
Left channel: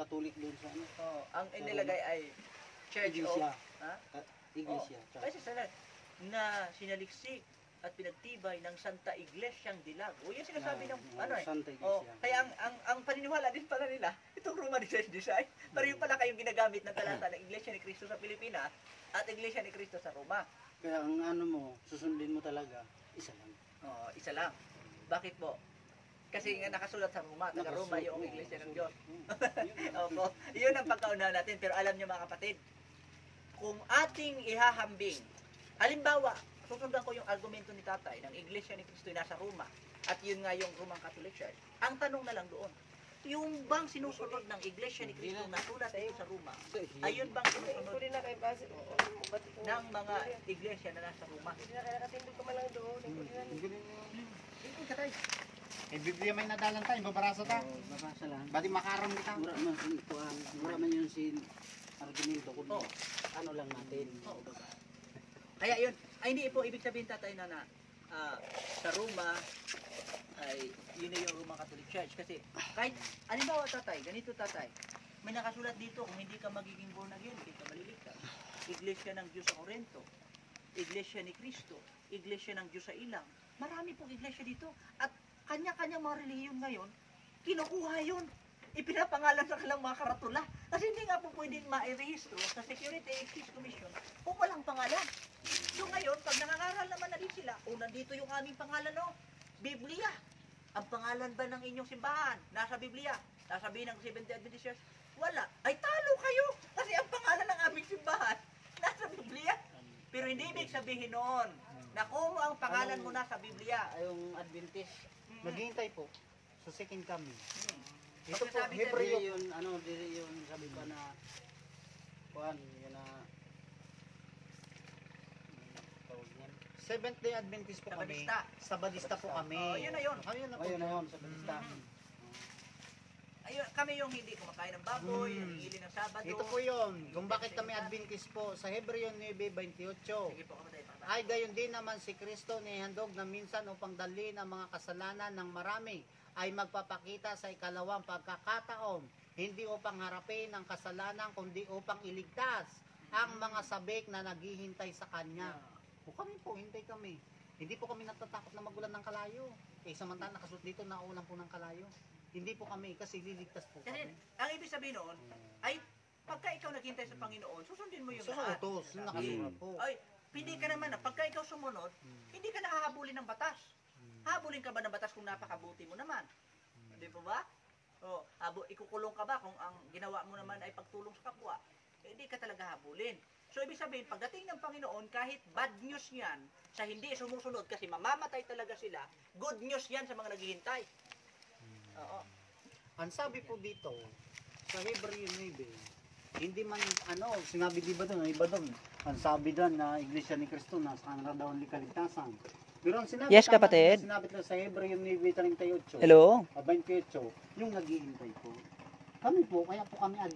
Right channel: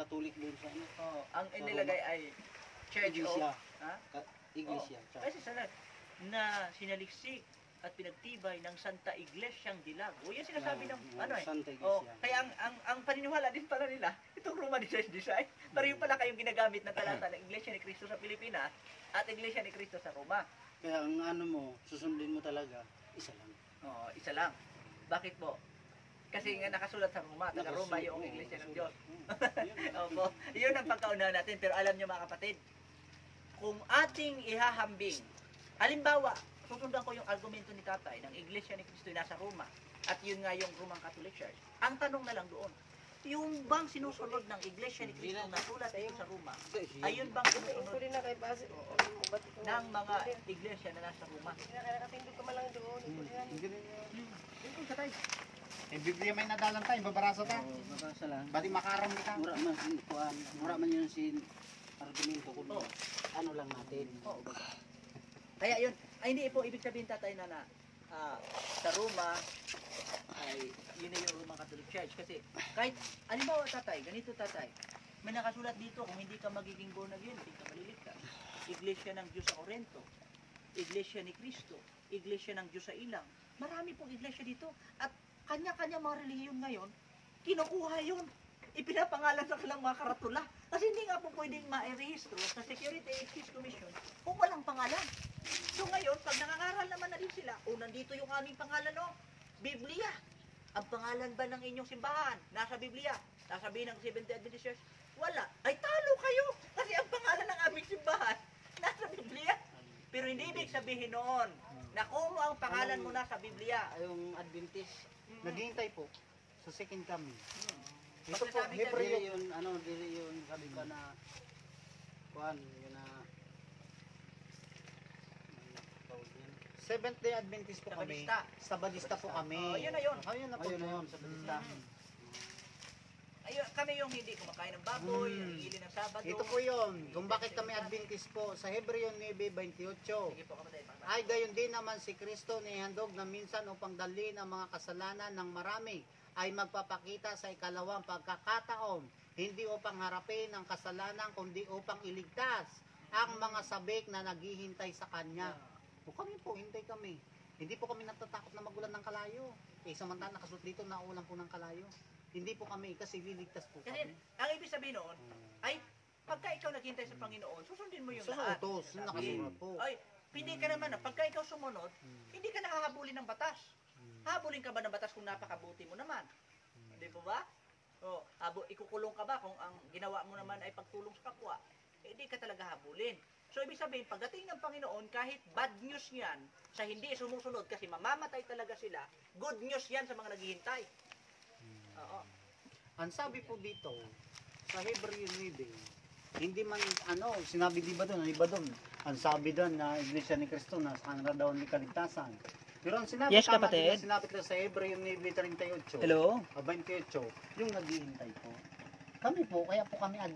Catholic doon sa ano. Oh, ang inilagay ay Church Iglesia. of... Ha? Iglesia. Oh, kasi sana na sinaliksik at pinagtibay ng Santa Iglesiang Dilag. O yan sinasabi ng ano eh. Santa Oh, Iglesia. kaya ang paniniwala din pala nila, itong Roman Church Design, pareho pala kayong ginagamit ng talata ng Iglesia ni Cristo sa Pilipinas at Iglesia ni Cristo sa Roma. Kaya ang ano mo, susundin mo talaga, isa lang. Oh, isa lang. Bakit po? Kasi nga nakasulat sa Roma, taga Roma yung Iglesia ng Diyos. Opo, yun ang pagkaunawa natin. Pero alam niyo mga kapatid, kung ating ihahambing, halimbawa, susundan ko yung argumento ni tatay ng Iglesia ni Cristo nasa Roma at yun nga yung Roman Catholic Church. Ang tanong na lang doon, yung bang sinusunod ng Iglesia ni Cristo na sulat dito sa Roma, ayun bang sinusunod Pwede na kay base. ng mga iglesia na nasa Roma? Nakatindi ko man lang doon. Eh, Biblia may nadalan tayo, babarasa ta. Mabasa lang. Badi makaram kita. Mura man yun si argumento kundi ano lang natin. Kaya yun, ay hindi po ibig sabihin tatay na sa Roma ay yun na yung Roman Catholic Church kasi kahit halimbawa tatay, ganito tatay, may nakasulat dito kung hindi ka magiging born again, hindi ka maliligtas. Iglesia ng Diyos sa Corinto, Iglesia ni Cristo, Iglesia ng Diyos sa Ilang. Marami pong iglesia dito at kanya-kanya mga relihiyon ngayon, kinukuha yun. Ipinapangalan sa kanilang mga karatula. Kasi hindi nga po pwedeng ma-rehistro sa Security and Exchange Commission kung walang pangalan. So ngayon, pag nangangaral naman na din sila, nandito yung aming pangalan, Biblia. Ang pangalan ba ng inyong simbahan? Nasa Biblia. Sasabihin ng Seventh-day Adventist Church, wala. Ay talo kayo! Kasi ang pangalan ng aming simbahan, nasa Biblia. Pero hindi ibig sabihin noon na kung ang pangalan mo nasa Biblia, Yung Adventist, Naghihintay po sa second coming. Ito po, dili yun, dili yun, sabi pa na, kuhan, yun na, tawag yan. Seventh-day Adventist po kami. Sabadista. Sabadista po kami. Oh, yun na yun. Ayun na po. Ayun na yun, sa Batista. ayun, kami yung hindi kumakain ng baboy, hindi ng Sabado. Ito po yun. Kung bakit kami Adventist po. Sa Hebreo 9:28. Sige po, kapatid. Ay gayon din naman si Kristo nihandog na minsan upang dalhin ang mga kasalanan ng marami ay magpapakita sa ikalawang pagkakataon, hindi upang harapin ang kasalanan kundi upang iligtas ang mga sabik na naghihintay sa Kanya. O kami po, hintay kami. Hindi po kami natatakot na magulan ng kalayo. Samantala nakasuot dito na ulan po ng kalayo. Hindi po kami kasi liligtas po Kasi kami. ang ibig sabihin noon, ay pagka ikaw naghintay sa Panginoon, susundin mo yung So, lahat. utos, nakasulat po. Ay, hindi ka naman pagka ikaw sumunod, hindi ka nahahabulin ng batas. Habulin ka ba ng batas kung napakabuti mo naman? Di po ba? O, ikukulong ka ba kung ang ginawa mo naman ay pagtulong sa kapwa? Hindi ka talaga habulin. So, ibig sabihin, pagdating ng Panginoon, kahit bad news yan, sa hindi sumusunod, kasi mamamatay talaga sila, good news yan sa mga naghihintay. Oo. Ang sabi po dito, sa Hebreo 9, hindi man sinabi di ba doon, iba doon. Ang sabi doon na Iglesia ni Cristo na sa kanila daw ni kaligtasan. Pero ang sinabi, Yes, tama kapatid. din, sinabi ko sa Hebreo 9:38. Hello? 28, yung naghihintay po. Kami po, kaya po kami